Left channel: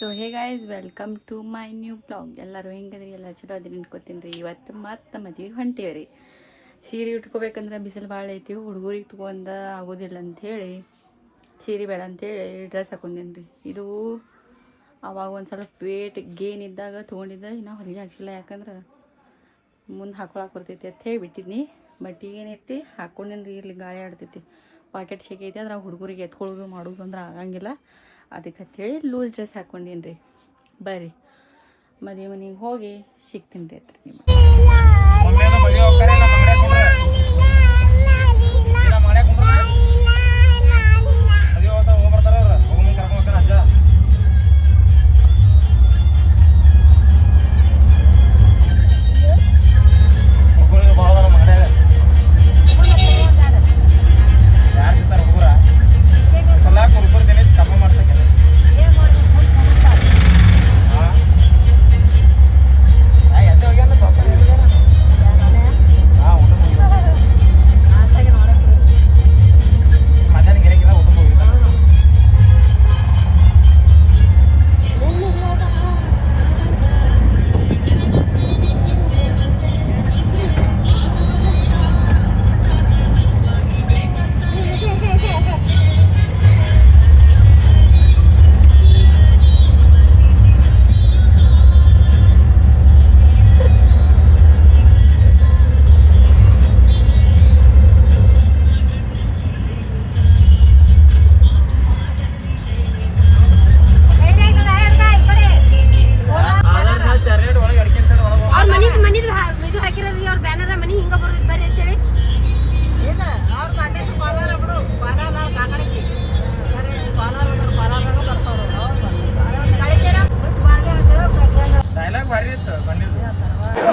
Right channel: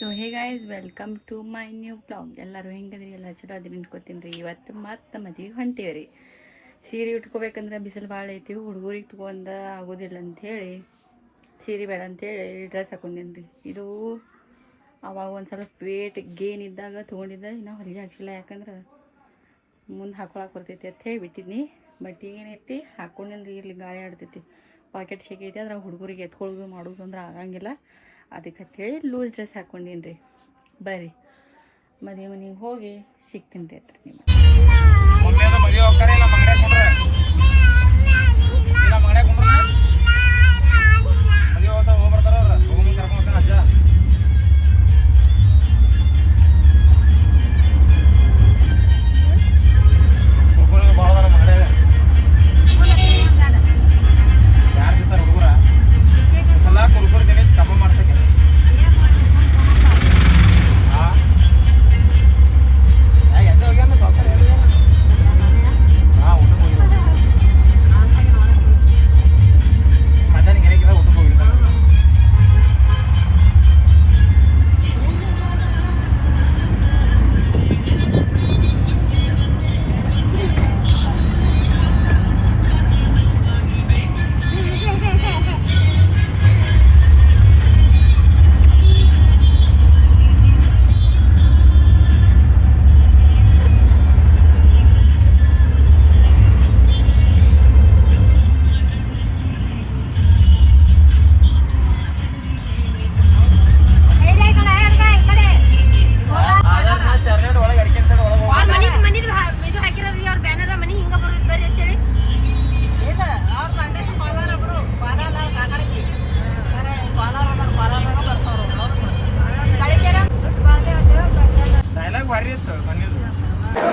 So hey guys welcome to my new blog. ಎಲ್ಲರೂ ಹೆಂಗದ್ರಿ? ಎಲ್ಲ ಚಲೋ ಅದ್ರಿ ಅನ್ಕೋತೀನಿ ರೀ. ಇವತ್ತು ಮತ್ತೆ ಮದ್ವೆಗೆ ಹೊಂಟೇವ್ರಿ. ಸೀರೆ ಉಟ್ಕೋಬೇಕಂದ್ರೆ ಬಿಸಿಲು ಭಾಳ ಐತಿ, ಹುಡುಗರಿಗೆ ತೊಗೊಂಡ ಆಗೋದಿಲ್ಲ ಅಂಥೇಳಿ ಸೀರೆ ಬೇಡ ಅಂಥೇಳಿ ಡ್ರೆಸ್ ಹಾಕೊಂಡೇನಿ ರೀ. ಇದು ಅವಾಗ ಒಂದು ಸ್ವಲ್ಪ ವೇಟ್ ಗೇನ್ ಇದ್ದಾಗ ತೊಗೊಂಡಿದ್ದೆ, ಇನ್ನೂ ಹೊಲಿಗೆ ಹಾಕ್ಸಿಲ್ಲ. ಯಾಕಂದ್ರೆ ಮುಂದೆ ಹಾಕೊಳಕ್ಕೆ ಬರ್ತೈತಿ ಅಂತ ಹೇಳಿ ಬಿಟ್ಟಿದ್ನಿ. ಬಟ್ ಏನೈತಿ ಹಾಕ್ಕೊಂಡೇನಿ ರೀ. ಇಲ್ಲಿ ಗಾಳಿ ಆಡ್ತೈತಿ, ಪಾಕೆಟ್ ಶೇಕ್ ಐತಿ. ಅದ್ರಾಗ ಹುಡುಗರಿಗೆ ಎತ್ಕೊಳ್ಳೋದು ಮಾಡೋದು ಅಂದ್ರೆ ಆಗಂಗಿಲ್ಲ. ಅದಕ್ಕೆ ಅಂತೇಳಿ ಲೂಸ್ ಡ್ರೆಸ್ ಹಾಕ್ಕೊಂಡೀನಿ ರೀ. ಬರ್ರಿ ಮದುವೆ ಮನೆಗೆ ಹೋಗಿ ಸಿಗ್ತೀನಿ ರೀ ಹತ್ರ ನಿಮಗೆ.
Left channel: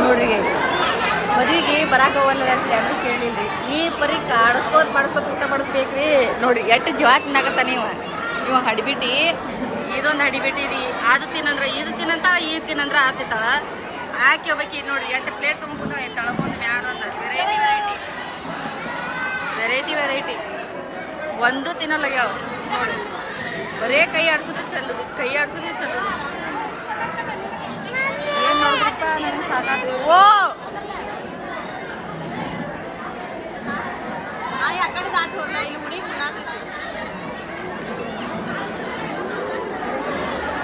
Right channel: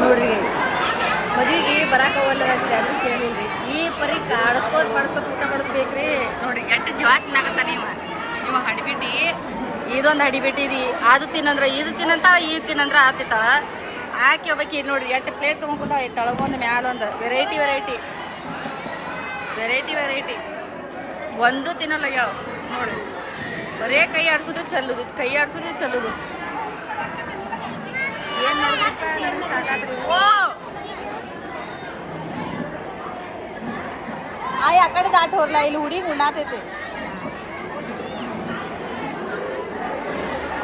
ನೋಡ್ರಿ ಗೈಸ್, ಮದುವೆಗೆ ಬರಾಕವಲ್ಲ ಯಾರು ಕೇಳಿಲ್ರಿ. ಈ ಪರಿ ಕಾಡಿಸ್ಕೋತ ಪಡಿಸ್ಕೋತ ಊಟ ಮಾಡಿಸ್ಬೇಕ್ರಿ. ನೋಡಿ ಎಷ್ಟು ಜೀವಾತ್ ನಾಗತ್ತಾನ ಇವ ಹಡಿಬಿಟ್ಟು. ಇದೊಂದು ಹಡಿಬಿಟ್ಟು ಇದು ಅದು ತಿನ್ನಂದ್ರೆ ಇದು ತಿನ್ನಂತಾಳ, ಇದು ತಿನ್ನಂದ್ರೆ ಆ ತಿಂತಾಳ. ಹಾಕಿ ಹೋಗ್ಬೇಕು. ನೋಡ್ರಿ ಎಷ್ಟು ಪ್ಲೇಟ್ ತೊಗೊಂಡ್ಬಿಟ್ಟಾಳ. ತಳಗೊಂದು ಮ್ಯಾಲೊಂದು ವೆರೈಟಿ ಒಂದು ತಿನ್ನಲ್ಲಾಗ್ಯಾವ ನೋಡ್ರಿ. ಬರೇ ಕೈ ಆಡ್ಸೋದು ಚೆಲ್ಲೋದು ಏನು ನೋಡ್ಬಿಡ್ತ ನನಗೆ ಸಾಕಾದ್ರಿ. ಓ ಆಯ್ ಆ ಕಡೆ ದಾಟ ಹೋರ್ಲ, ಇಲ್ಲಿ ಹುಡಿ ಉಣ್ಣಾತೈತಿ.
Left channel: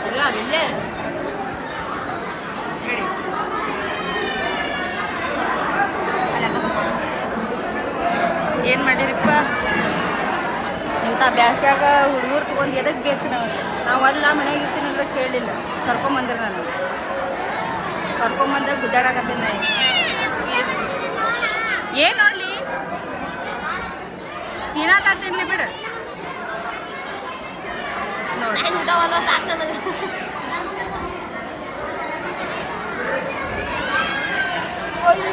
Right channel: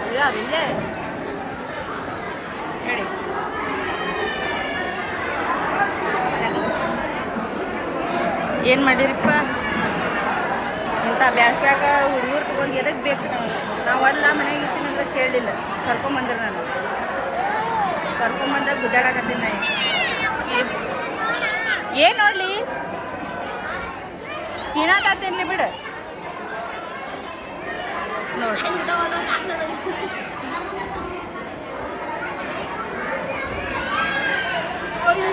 ಇಲ್ಲ ಇಲ್ಲೇ ಹೇಳಿ. ಏನು ಮಾಡಿರಿಪ್ಪ ಇಂಥ ಬ್ಯಾಸ್ಗ್ಯಾಗ ಹುಡುಗರು ತೊಗೊಂಡು ಎದಕ್ಕೆ ಬೇಕು? ನಾವು ಅಲ್ಲ ಮನೆಯಾಗ ಇರ್ತೀನಿ ಅಂದ್ರೆ ಕೇಳಲಿಲ್ಲ. ಕರ್ಕೊಂಬಂದ್ರೆ ನಾನು ಕರ್ಕೊಂಬಂದಾಗ ಗುದ್ದಾಡಕತ್ತೀನಿ. ನಾ ಏನು ನೋಡ್ಲಿ ತಿನ್ನತಿನ್ಲಿ ಬಿಡು. ನೋಡಿ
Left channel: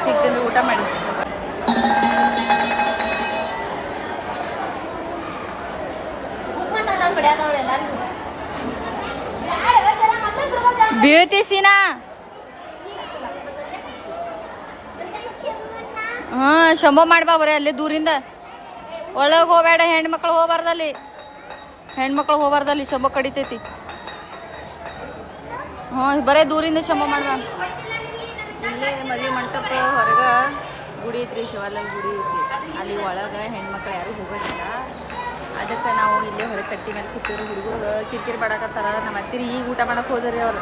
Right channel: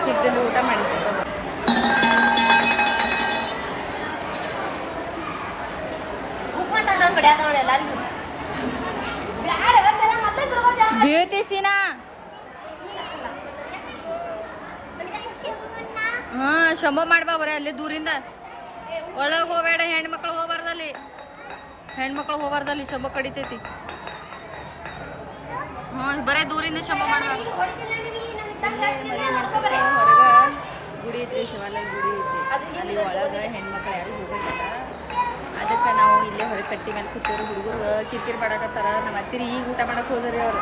ಸಿಗ್ತೀನಿ ಊಟ ಮಾಡಿ. ಬೀಳ್ತೀಸಿನಾ? ಹಾಂ ಶಂಭ ಮಾಡ್ಬಾ. ಬರೀ ಅಲ್ಲಿ ದೂರಿಂದ ಒಳಗೆ ಹೋಗಬೇಡ. ಹೆಣ್ಮಕ್ಳು ಹೋಗ್ಬಾರ್ದಲ್ಲಿ ಶಂಭ ಕಡಿತೈತಿ. ಹಾಂ ಬರೀ ದೂರಿಂದ ಶಂಭ ಮಾಡ್ಬಾ. ಇಲ್ಲೇ ಮದುವೆ ಮಂಟಪ ಹೊರಗೆ ಗುಡಿ ಐತ್ರಿ, ಶಿವಾಲಯ ಗುಡಿ ಐತಿ. ಅಲ್ಲಿ ಒಳಗೆ ಹೆಣ್ಮಕ್ಳು ಯಾರು ಹೋಗೋದಿಲ್ಲ. ಅದಕ್ಕೆ ನಾವು ಇಲ್ಲೇ ಹೊರಗೆ ಕಟ್ಟಿ ಮೇಲೆ ಕೂತೀವ್ರಿ. ಹುಡುಗರು ಕಿರಿಕಿರಿ ಮಾಡಕತ್ತಾರ. ನಮ್ಮ ಅತ್ತಿರಿ ಈಗ ಊಟ ಮಾಡಕ್ಕೆ ಹೋದ್ರಿ. ಅವ್ರು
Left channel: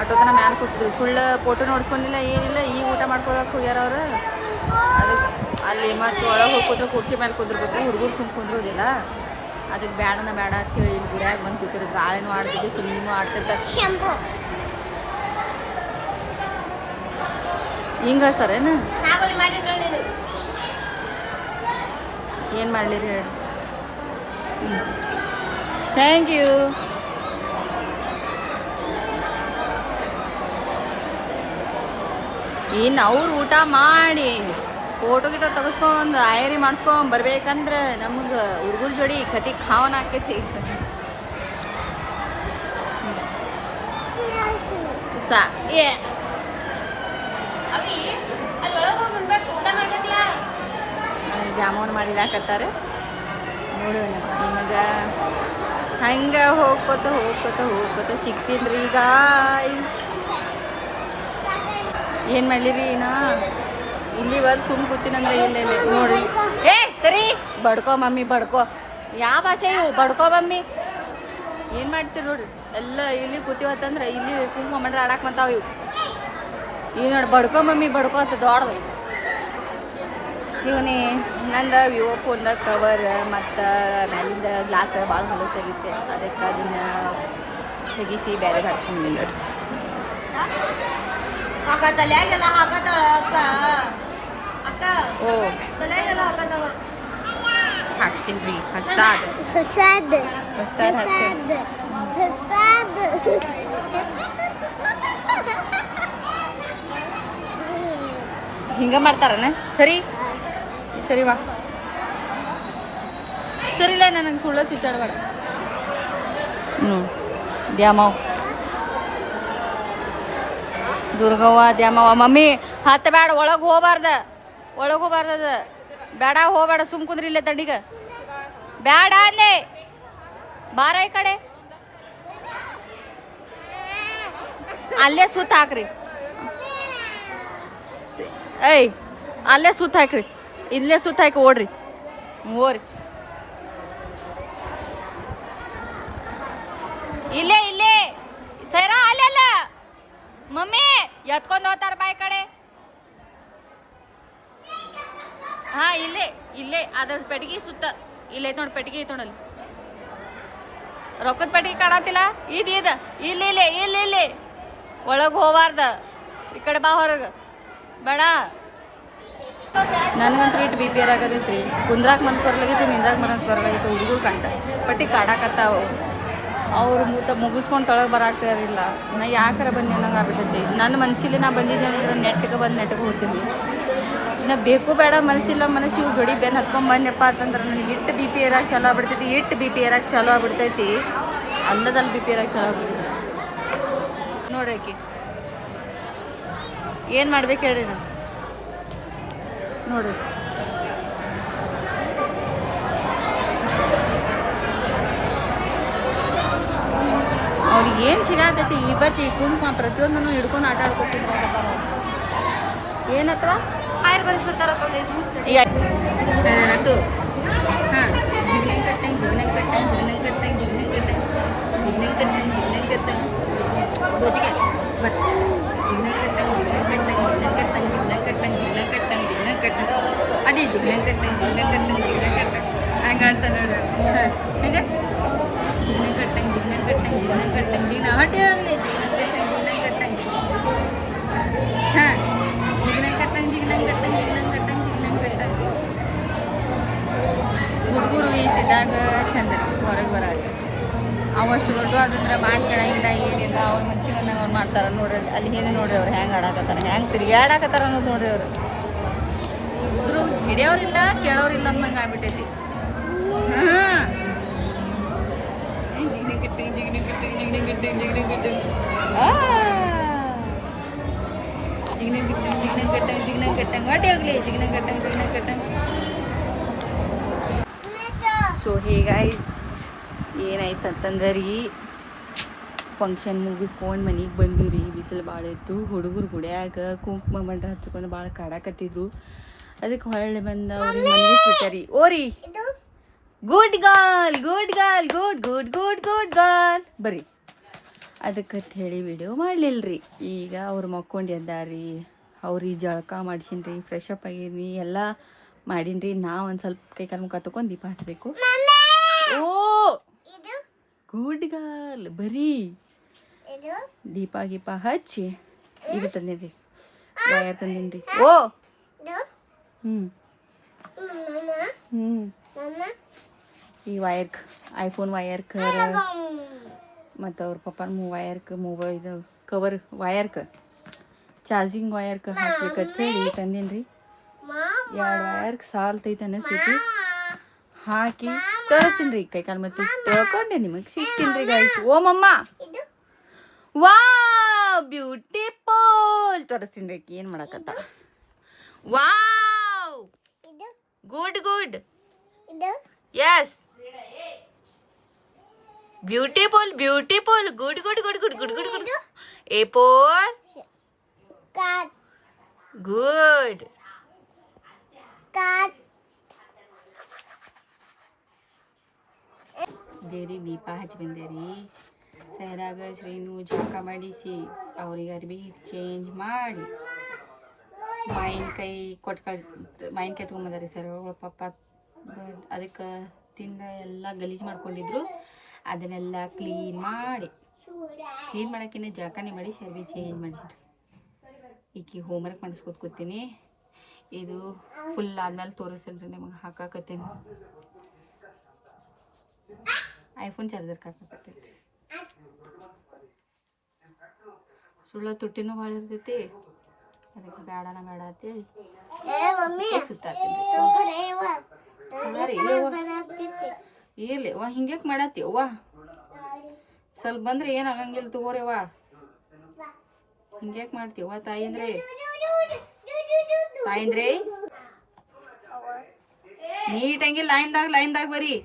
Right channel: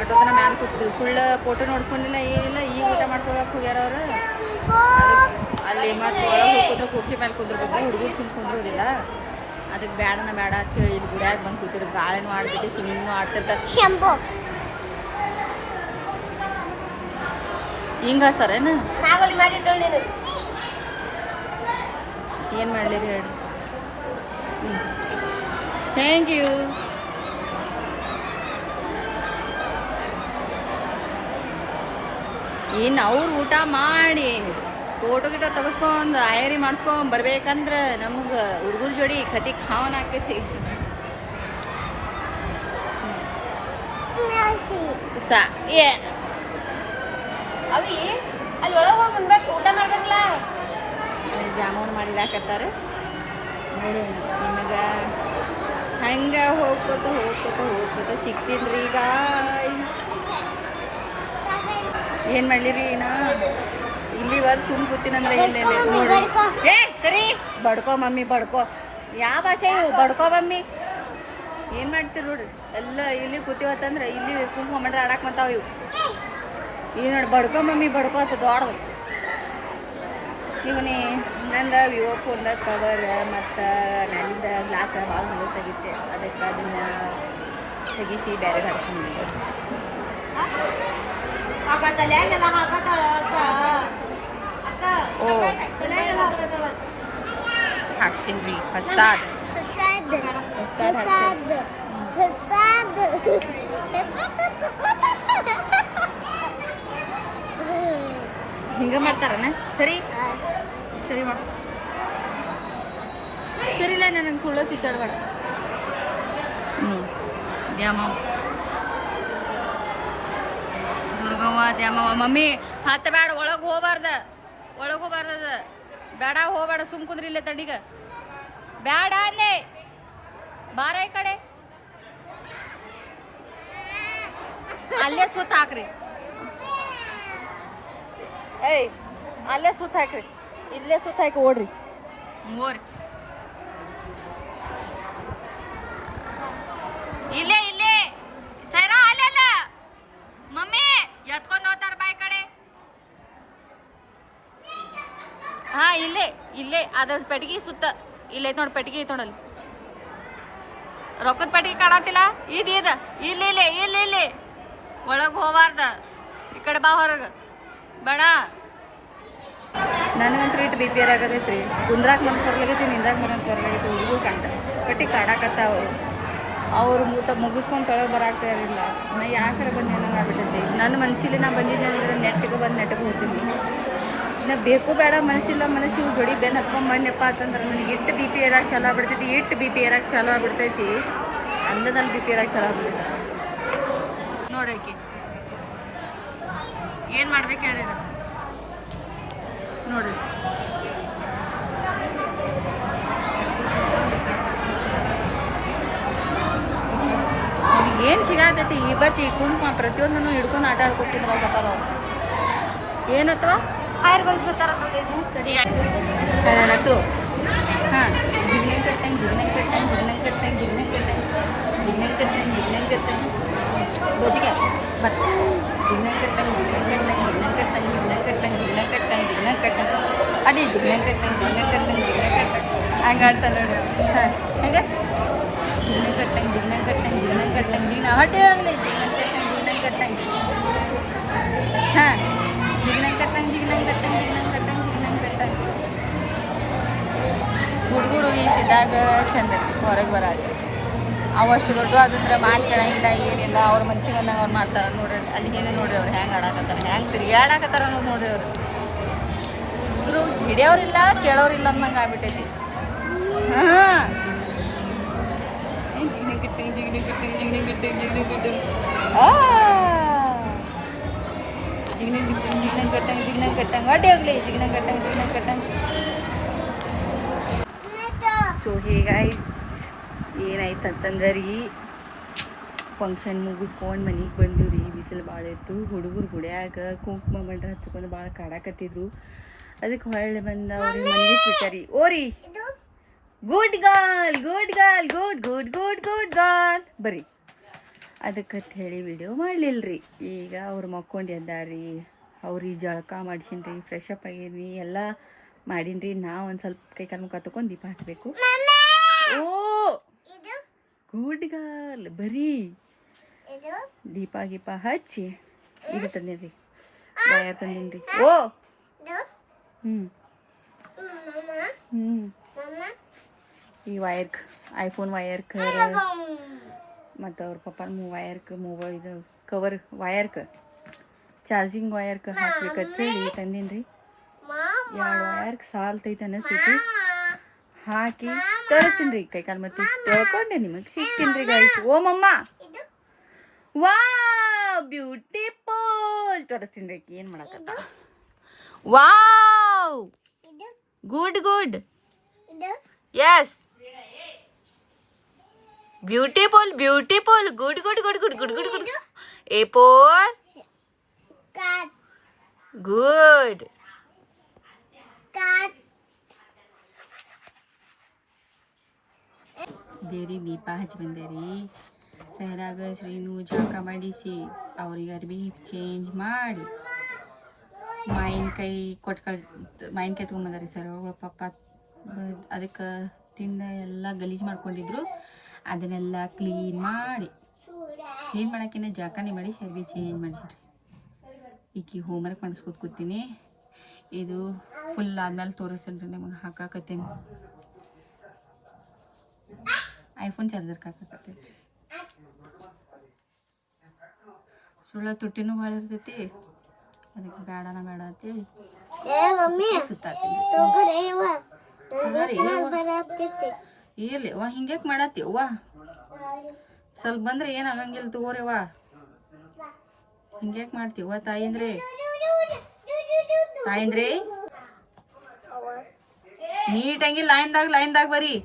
ಆಟೋತನ ಮ್ಯಾಲೆ ಕೂತಿದ್ರು. ಸುಳ್ಳು ಫೋಟೋ ನೋಡ್ಸ್ಕೊಂಡಿಲ್ಲ ಏನಿಲ್ಲ. ಈಗ ಊಟ ಮಾಡ್ಕೊಳಕ್ಕೆ ಹೋಗ್ಯಾರ ಅವ್ರು. ಅದಕ್ಕೆ ಅಲ್ಲಿ ಮತ್ತು ಒಳಗೆ ಹೋಗಿ ಕೂತ್ರೆ ಕುರ್ಚಿ ಮೇಲೆ ಕುಂದಿರ್ಬೇಕು. ಹುಡುಗರು ಸುಮ್ಮ ಕುಂದ್ರೋದಿಲ್ಲ. ಅದಕ್ಕೆ ಬೇಡ ಅಂತೇಳಿ ಇಲ್ಲಿ ಗುಡಿಯಾಗ ಬಂದು ಕೂತಿರು. ಗಾಳಿನೂ ಆಡ್ತಿದ್ದೆ, ಸುಮ್ಮನೆ ಆಡ್ತಿರ್ತಾರೆ. ಹಿಂಗೆ ಹಚ್ತಾರೇನು? ಏನು ಮಾಡಲಿರಿ ಹೇಳಿ. Thank you. ಇನ್ನು ಅವ್ರು ಊಟ ಮಾಡಿ ಫೋಟೋ ಗಿಟೋ ತೆಗೆಸ್ಕೊಂಡು ಆಯರಿ ಮಾಡಿಸ್ಕೊಂಡು ಬರ್ಬೇಕಂದ್ರೆ ನಮ್ಗೆ ಹುಡುಗರ ಜೋಡಿ ಕತಿ ಖಾವನ ಆಕೈತಿ. ಏ ಜಾಮೂನ್ ಮಾಡಿಡಾಕತ್ತಾರೆ. ನೋಡು ನಿಮಗೆ ಹಂಗ ಹೋಗ್ಕೋತ ಸಿಕ್ತೀನ್ರಿ ಈಗ. ಏನು ಮಾಡಲಿರಿ ನಾ ಇಲ್ಲಿ ಬಂದು ಸುಮ್ ಕೂತೀನಂದ್ರೆ ಇಲ್ಲೇ ನೋಡಿ. ಏ ಸರಿ ಬಡ್ಕೋ ಮಮ್ಮಿ ಬಡ್ಕೋ. ಯಾವ ಭಾಷೆ ಇವು ಬಡ್ಕೋ ಮಮ್ಮಿ. ಏನು ಮಾಡ್ತೀರಿ ನೋಡ್ರಿ ಎಲ್ಲ ಇಲ್ಲಿ ಕೂತೀವತ್ತಂದ್ರೆ ಇಲ್ಲಿ ಕುಂಕುಮ ಮಾಡ್ರೆ ಆಡಕ್ಕೆ ಬಂತಾವ ಇವು. ಈಗ ನೋಡಿ ಬಡ್ಕೋ ಮಮ್ಮಿ ಬಡ್ಕೋ ಅಂತ ದೊಡ್ಡದು. ಸುಮ್ಮನೆ ನಂದು ವಿವೋ ಫೋನ್ದಾಗ ಕವರ್ ಮತ್ತು ಮ್ಯಾಲಿಂದ ಗ್ಲಾಸ್ ಭಾಳ ಹೊಲಸಾಗಿತ್ತು. ಅದಕ್ಕೆ ಅದನ್ನು ತೆಗಿಸಿ ಬೇರೆ ಹಾಕ್ಸ್ಕೊಂಡಿನಿ. ಓ ಹಾಕ್ಸಿನ್ರಿ ಹೊಸಾದ ಹಿಂಗ ಮಾಡ್ತಾರನ. ಸರಿ ಸರಿ ವಾ ಸರಿಲ್ಲ ನನಗೆ ಸುಳ್ಳ ಚುಚ್ಚಾಡಬೇಡ. ದ್ಯಾಮವ್ ದುರ್ಗವ್ವ ದ್ಯಾಮವ್ವ. ಮಮ್ಮಿ ಹತ್ತ ಬೇಡ ಒಳಗೆ ಹೋಗ್ಬಾರ್ದದ ಬೇಡ ಹೋಗ್ಬೇಡ ಸುಮ್ ಕುಂದ್ರಿ ಇಲ್ಲೇ ತಣ್ಣೀಗ ಬೇಡ ಅಲ್ಲೇ ಬಾರ ಈ ಕಡೆ ಅಲ್ಲೇ ಸುತ್ತ ಹಾಕ್ರಿ. ಏಯ್ ಅಲ್ಲೇ ಸುತ್ತ ಹಾಕ್ರಿ ಇಲ್ಲೇ ಸುತ್ತ ಹಾಕಿ ಓಡ್ರಿ ಓರಿ. ಇಲ್ಲೇ ಸೈರಾ ಅಲ್ಲ ಮಮ್ಮಿ ಎತ್ಕೊಂಡು ಹೋಗ್ತಾರ ಬಾಯ್ ಕಡೆ. ಹಾ ಇಲ್ಲೇ ಅದ್ರ ಪೆಟ್ಟಿಗೆ ಸುತ್ತ ಇಲ್ಲೈತ್ ನೋಡಿ. ಪೆಟ್ಟಿಗೆ ಐತ್ ನೋಡಲ್ಲಿ ರೊಕ್ಕದ ಪೆಟ್ಟಿಗೆ ಕಾಣತಿಲ್ಲ. ಇಲ್ಲಿ ಒಳಗೆ ಹೋಗಬಾರ್ದ. ಈ ಕಡೆ ಬಾ ಹೊರಗೆ ಬೇಡ. ನನಗಂತೂ ಇಟ್ಟು ಬಿ ಪಿ ಆಗತೈತ್ರಿ. ಕುಂದ್ರಾಕ್ ಮನಸ್ಸು ಬರ್ಲಾಗೈತಿ ನಿಂದ್ರಾಕ್ ಮನಸ್ಸು ಬರ್ಲಾಗೈತಿ. ಹುಡುಗರು ಪಟ್ಟಿ ಕಾಡಾಕತ್ತಾವ. ಅವ್ರು ಮುಗಿಸ್ಕೊಂಡು ತೊಳಗೆ ಬರಾಕ್ತಾರಿಲ್ಲ. ನಾ ಯಾಕಾರ ಬಂದು ಏನಂಗೆ ಆಗ್ಬಿಟ್ಟೈತಿ. ನನ್ನ ಮನಸ್ಸಿಲಿ ನಾ ಬಂದಿದ್ದೆ ಅಂದ್ರೆ ನೆಟ್ಟಿಗೆ ಹೋಗ್ತೀನಿ. ಇನ್ನು ಬೇಕು ಬೇಡ ಮನಸ್ಸಿಲ್ಲ ಇವ್ರು ಜೋಡಿ ಬೆನ್ನು ಹತ್ಕೊಂಡು ಬಂದೆಪ್ಪ ಅಂತಂದ್ರೆ ನನಗೆ ಇಟ್ಟು ಬಿ ಪಿ ಏರಾಕ್ ಚಲೋ ಆಗ್ಬಿಡ್ತೈತಿ. ಅಲ್ಲದಲ್ಲಿ ಬಿ ಪಿ ಏರಾಕ್ ಚಲೋ ಆಗ್ಬಿಡ್ತೈತಿ ನೋಡ್ರಿ. ಆಕಿ ಏನು ಮಾಡ್ಬೇಕು ಹೇಳ್ರಿ ನಾನು ನೋಡ್ರಿ. ಅವ್ರಿಗೆ ಏನು ಸಿಗತೈತಿ ಇವತ್ತು ಈ ಕುಂಕುಮ ಪ್ರತಿಯೊಂದನ್ನು ಹಿಡ್ಕೊಂಡು ಆಟ ಆಡ್ಕೊತಿದ್ರಾಗತ್ತಾರ ಅವ್ರು. ಏನತ್ತವ ಆಯ್ರು ಬರೆಸ್ಬಿಡ್ತಾರತ್ತು ಹಾಂ ಜಿಗ್ನಂಗೆ ಕಟ್ಟಂಗೆ ಗೋಜಿಗೆ ಮತ್ತು ಜಿಗ್ನಂಗೆ ಕಟ್ಟಂಗೆ ಅಡಿ ಜಿಗ್ನಂಗೆ ಕಟ್ಟಂಗೆ ಹಂಗೆ ಆಡ್ತಾ ನೋಡಿ. ಹಾಂ ಹೇಗೆ ಜಿಗ್ನಂಗೆ ಕಟ್ಟಂಗೆ ಹೊಟ್ಟೆ ಆಗಲಿ ಜಿಗ್ನಂಗೆ ಕಟ್ಟಂಗೆ ಹಾಂ ಜಿಗ್ನಂಗೆ ಕಟ್ಟಂಗೆ ಹುಡುಗರು ಇಷ್ಟಿದ್ದಾಗ ಚಂದ ಹೊರಗೆ ಬರಾಕ. ಅವಷ್ಟು ದೊಡ್ಡ ಆದಂದ್ರೆ ಮಾತು ಕೇಳಂಗಿಲ್ಲ ಏನಿಲ್ಲ. ಅವ್ರ ಮನ್ಸಿಗೆ ಬಂದಂಗೆ ಅವ್ರು ಮಾಡ್ತಾರೆ ನೋಡ್ರಿ. ಅಲ್ಲಿ ಹೇಗೆ ನೋಡ್ರಿ ಅವ್ರು ಹೆಂಗೆ ಆಡಾಕತ್ತಾರ ಹೆಂಗೆ ತಿರುಗಾಡಕತ್ತಾರ ಅನ್ನೋದು ನೋಡ್ರಿ. ಅವರು ಇಬ್ಬರು ಹಿಡಿಯೋರಿಲ್ಲ ಕೇಳೋರಿಲ್ಲ ಅನ್ನಂಗೆ ಆಗ್ಬಿಟ್ಟೈತಿ. ಹಾಂ ಜಿಗ್ನಂಗೆ ಕಟ್ಟಂಗೆ ಹೊಟ್ಟೆ ಹೋಗ್ಲಿ ಜಿಗ್ನಂಗೆ ಕಟ್ಟಂಗೆ. ಸೊ ಹೀಗೈಸ್ ಏನಾಯ್ತು ಅಂತಂದ್ರೆ ರೀ ಫಂಕ್ಷನ್ ಮುಗಿಸ್ಕೊಂಡು ಮನೆಗೆ ಬಂದು ರೀ. ಬಿಸಿಲು ಭಾಳ ಇತ್ತು. ಹುಡುಗರು ಗುಡಿಯಾಗ ಕುಂಕುಮ ಬಂಡ್ರ ಹಚ್ಕೊಂಡು ಭಾಳ ಕಾಡಾಕತ್ತಿದ್ರು. ಅದಕ್ಕೆ ಹೊಳ್ಳೆ ಬಂದ ಅವ್ರಿಗೆ ಮನಗಿಸ್ಬಿಟ್ಟಾರಿ. ಓರಿ ಗುಡ್ ಗರ್ಲ್ ಬರ್ರಿ. ಅದಕ್ಕೆ ಹೇಳಿ ವಿಡಿಯೋ ಮಾಡಲಿಲ್ಲರಿ. ಈಗ ಅವ್ರು ಮಕ್ಕೊಂಡು ಎದ್ದಾರಿ. ಅವ್ರಿಗೆ ಜಳಕ ಮಾಡಿಸಿನ್ರಿ, ಫ್ರೆಶ್ ಅಪ್ ಆಗಿದ್ರಿ, ಎಲ್ಲ ಮಾಡೀನಿ. ನಾ ಒಂದು ಸ್ವಲ್ಪ ಕೈ ಕಾಲು ಮುಖ ತಗೊಂಡು ದೀಪ ಹಚ್ಚಬೇಕು. ಓ ಗುಡ್ ಗರ್ಲ್ ಬರ್ರಿ. ದೀಪ ಹಚ್ಚಿ ಇದು ತಂದಿನ್ರಿ ವಯರ್ ತಂದಿನ್ರಿ. ಓ ಈ ವಯರ್ಕ್ ಐಫೋನ್ ವಯರ್ಕ್ ಮತ್ತು ಅವ್ರ ಪಪ್ಪನ ವಯರ್ಕ್ ಇದು ಕವರ್ ವಯರ್ಕ್ ಚಾರ್ಜಿಂಗ್ ವಯರ್ಕ್ ಹಾಕ್ಬೇಕಂತ ಹೇಳಿ ತಂದಿನ್ರಿ. 2 ವಯರ್ಕ್ ಸಾಲ್ತೈತೆ ಅನ್ನಿಸ್ತೈತಿ. ಹಾಕಿ ತೋರಿಸ್ತೀನಿ ಕೈ ಕಾಲು ಮತ್ತೆ ತೊಳ್ಕೊಂಡೆ ನಿಮಗೆ ಸಿಗ್ತೀನಿ ಗೈಸ್. ಓ ಮಮ್ಮ ವಾವ್ ಬ್ಯೂಟಿಫುಲ್ ತೋರಿಸ್ತೀನಿ ಏನು ಮಾಡಕತ್ತ. Wow good yes beautiful beautiful good good good good good good good a for good ದೇವ್ರಿ ದೀಪ ಹಚ್ಚಿ ಬಂದೇರಿ ಸೈರಾಗ ಶ್ರೀನು ಜಾಕ ಮಾಡಿಸಿ ಅವ್ರಿಗೆ ಅರ್ಬಿ ಚೇಂಜ್ ಮಾಡಿ ಮಾವಿನಕಾಯಿ ಮಾವಿನಕಾಯಿ ತೊಗೊಂಬಂದಾರಿ ಸರ್ ಅವಳ ಪಪ್ಪ ಅದಕ್ಕೆ ತಿಂದ ಎಲ್ಲ ಗಲೀಜು ಮಾಡ್ಕೊಂಡಿದ್ರು ಅದನ್ನೆಲ್ಲ ಕ್ಲೀನ್ ಮಾಡೋಕ್ಕಿಂತ ಜಾಕನೇ ಮಾಡಿ ಅರ್ಬಿ ಚೇಂಜ್ ಮಾಡಿಸಿರಿ ಈಕಿ ಹೋಮ್ವರ್ಕ್ ಮಾಡಿಸ್ಕೊತ ಕೂತೀನಿ ಇದು ಫುಲ್ ಆದ್ಮೇಲೆ ತೋರಿಸಲ್ರಿ ನಿಮಗೆ ಹಾಕಾಕತ್ತೀನಿ ಐಫೋನ್ ಚಾರ್ಜರ್ ಹಾಕಾಕತ್ತೈತಿ ಸುಳ್ಳ ತುಟ್ಟಿನೂ ಭಾಳ ಇರ್ತೈತಿ ಅದಕ್ಕೆ ಬೇಡ ಅಂತೇಳಿ ಸುತ್ತಾತೀನಿ ಇರ್ಲಿ ವಾ ಹಿಂಗ್ಯಾಕೆ ಮಾಡತ್ತೀವ ಸ್ವಲ್ಪ ಬಂದ್ರೆ ಏನು ಆಗಂಗಿಲ್ಲ ತಗೋರಿವ ಹಿಂಗ್ಯಾಕೆ ಮಾಡ್ತೀವ ತಾಯಿಂದ್ರೆ ನೀಟಂಗಿ ಲೈನ್ದಾಗ ಬರ್ರಿ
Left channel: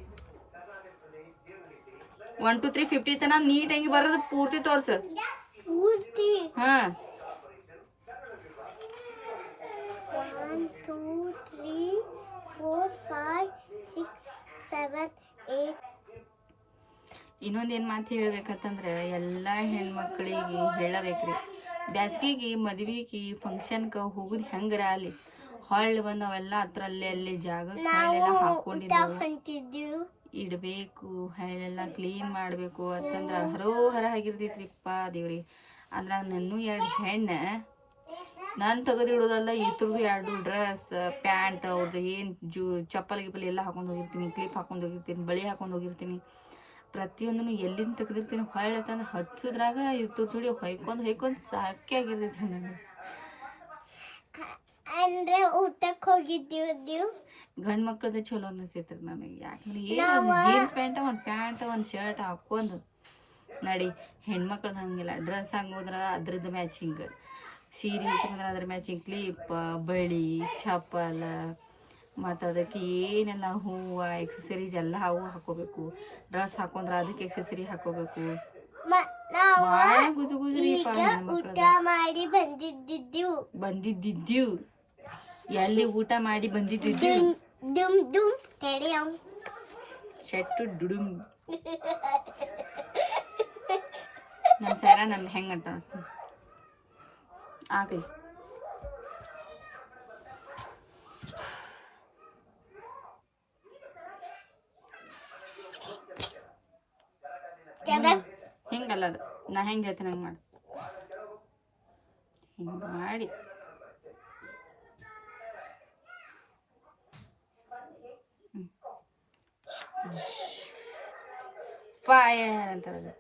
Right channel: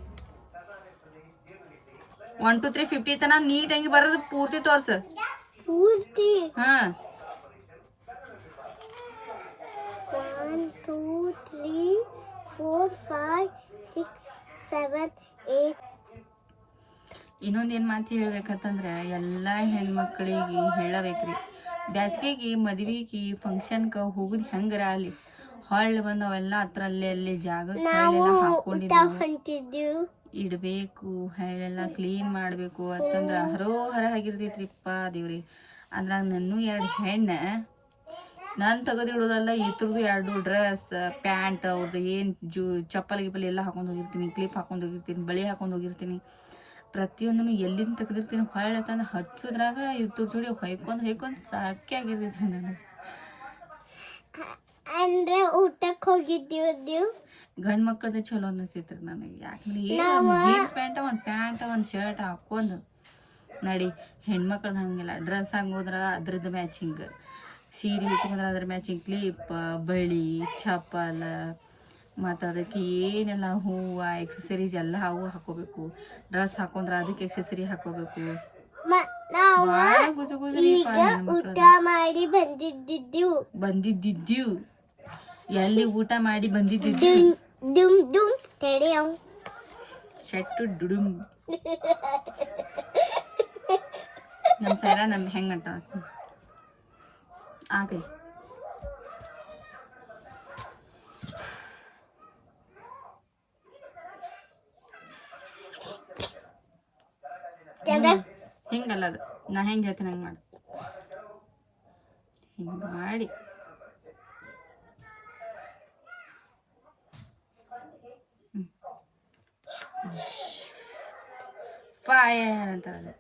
1 2 3 50 ತನ ನೀಟಂಗಿ ಬರೋದು ಪೂರ್ತಿ ತೋರ್ಸ ಹಾ 1 2 3 4 5 6 7 8 ಇನ್ನೊಂದೇನು ಮಾತು ಹೇಳ್ಬೇಕಂತಂದ್ರೆ ಎಲ್ಲ ಹೆಣ್ಮಕ್ಳಿಗೆ ಹೇಳಬೇಕ್ರಿ ಬ್ಯಾಸ್ಗೆಗೆ ಮದ್ವೆಗೆ ಫಂಕ್ಷನ್ಗೆ ಹೋಗುದು ಹೆಂಗರ ಅಲ್ಲಿ ಹೊಳ್ಳಿ ಬಂದು ಅವೆಲ್ಲ ಹತ್ರಲ್ಲೇ ಅಲ್ಲಿ ಜಾಗಕ್ಕೆ ಹೊಳ್ಳೆಲ್ಲ ಹಾಕೊಂಡಿದ್ದು ಇಡಬೇಕು ಹೊಳ್ಳೆಲ್ಲ ಕ್ಲೀನ್ ಮಾಡಬೇಕು ಅಂತಂದ್ರೆ ಹರೋಹರ ಆಗಿರ್ತೈತ್ರಿಪ್ಪ ದೇವ್ರಿ ಅಂದ್ರಾಗ ನನ್ನೂ 2 ಹೆಣ್ಣು ನಾನು ತೆಗೆದಿಡೋದಲ್ಲ ಇದ್ರದ್ದು 2 ಡ್ರೆಸ್ ಪ್ಯಾಂಟ್ ಅವ್ರದ್ದು ಏನು ಚಪ್ಪಲ್ ಗಿಪ್ಪಲ್ ಎಲ್ಲ ಹಾಕೊಂಡು ಹೋಗಿರ್ತೀನಿ ಕ್ಲಿಪ್ ಹಾಕೊಂಡು ಹೋಗಿರ್ತೀನಿ ಬಳಿ ಹಾಕೊಂಡು ಹೋಗಿರ್ತೀನಿ ಪ್ರತಿಯೊಂದನ್ನು ಎಲ್ಲಿಂದ ತೆಗೆದಿರ್ತೀನಿ ಹೊಳ್ಳೆ ತಂದು ಹಚ್ಚೋದ್ರಾಗ ಇದ್ರ ಜೋಡಿ ಹೊಯ್ಕೊಂಡು ಸಾಕೇ ಆಗಿರ್ತೈತಿ ನಾನು ಅಂದ್ರೆ ಊಟಕ್ಕೆ ಹೋಗಿದ್ದೀವಿ ಗಂಡು ಮಕ್ಳದ್ದು ಚಲೋ ಅನಿಸ್ತೈತ್ರಿ ನನಗೆ ಯಾಕಂದ್ರೆ ಏನು ಜೀನ್ಸ್ ಪ್ಯಾಂಟ್ ಒಂದು ಶರ್ಟ್ ಹಾಕೊಂಡು ನಡಿ ಹೆಣ್ಮಕ್ಳದ್ದು ಹಂಗಿಲ್ಲ ಡ್ರೆಸ್ ಹಂಗೋದ್ರ ಅದ್ರದ್ದು ಮ್ಯಾಚಿಂಗ್ ಸೀರೆ ಉಟ್ಕೊಂಡ್ರೆ ಅದ್ರ ಮ್ಯಾಚಿಂಗ್ ಕ್ಲಿಪ್ ಬಳಿ ಚಪ್ಪಲ್ ಮತ್ತು ಅದಕ್ಕೆ ಏನೆಲ್ಲ ಹೂವು ಎಕ್ಸಸರೀಸ್ ಎಲ್ಲ ಅವು ಹಾಕೋಬೇಕು ಡ್ರೆಸ್ ಹಾಕೊಂಡ್ರೆ ಅದಕ್ಕೆ ಎಕ್ಸಸರಿ ಹಾಕೋಬೇಕು ಭಾಳ ಗುಜುಗುಜ್ರಿ ಊಟ ಮಾಡಿ ಬಂದಿದ್ದಿದ್ದೀವ್ ಎಲ್ಲಿ ಊಟ ಮಾಡಿ ಬಂದಿದ್ದಿದ್ದೀವ್ ಶೆಟ್ಟು ಡುಡುಮ್ ನಮ್ಮ ಸೈರ ನಮ್ಮ ಹೆಂಗೆ ಅಂತ ಆ ಕೈ ಹಿಂಗಲ್ಲ ಅದು ನಾ ಹೆಂಗೆ ಹೇಳ್ತೀನಿ ಹಂಗೆ ಮಾಡಿ ಹಿಂಗೆ ಮಾಡಿ ಫೈರ್ ಅಂತಾರೆ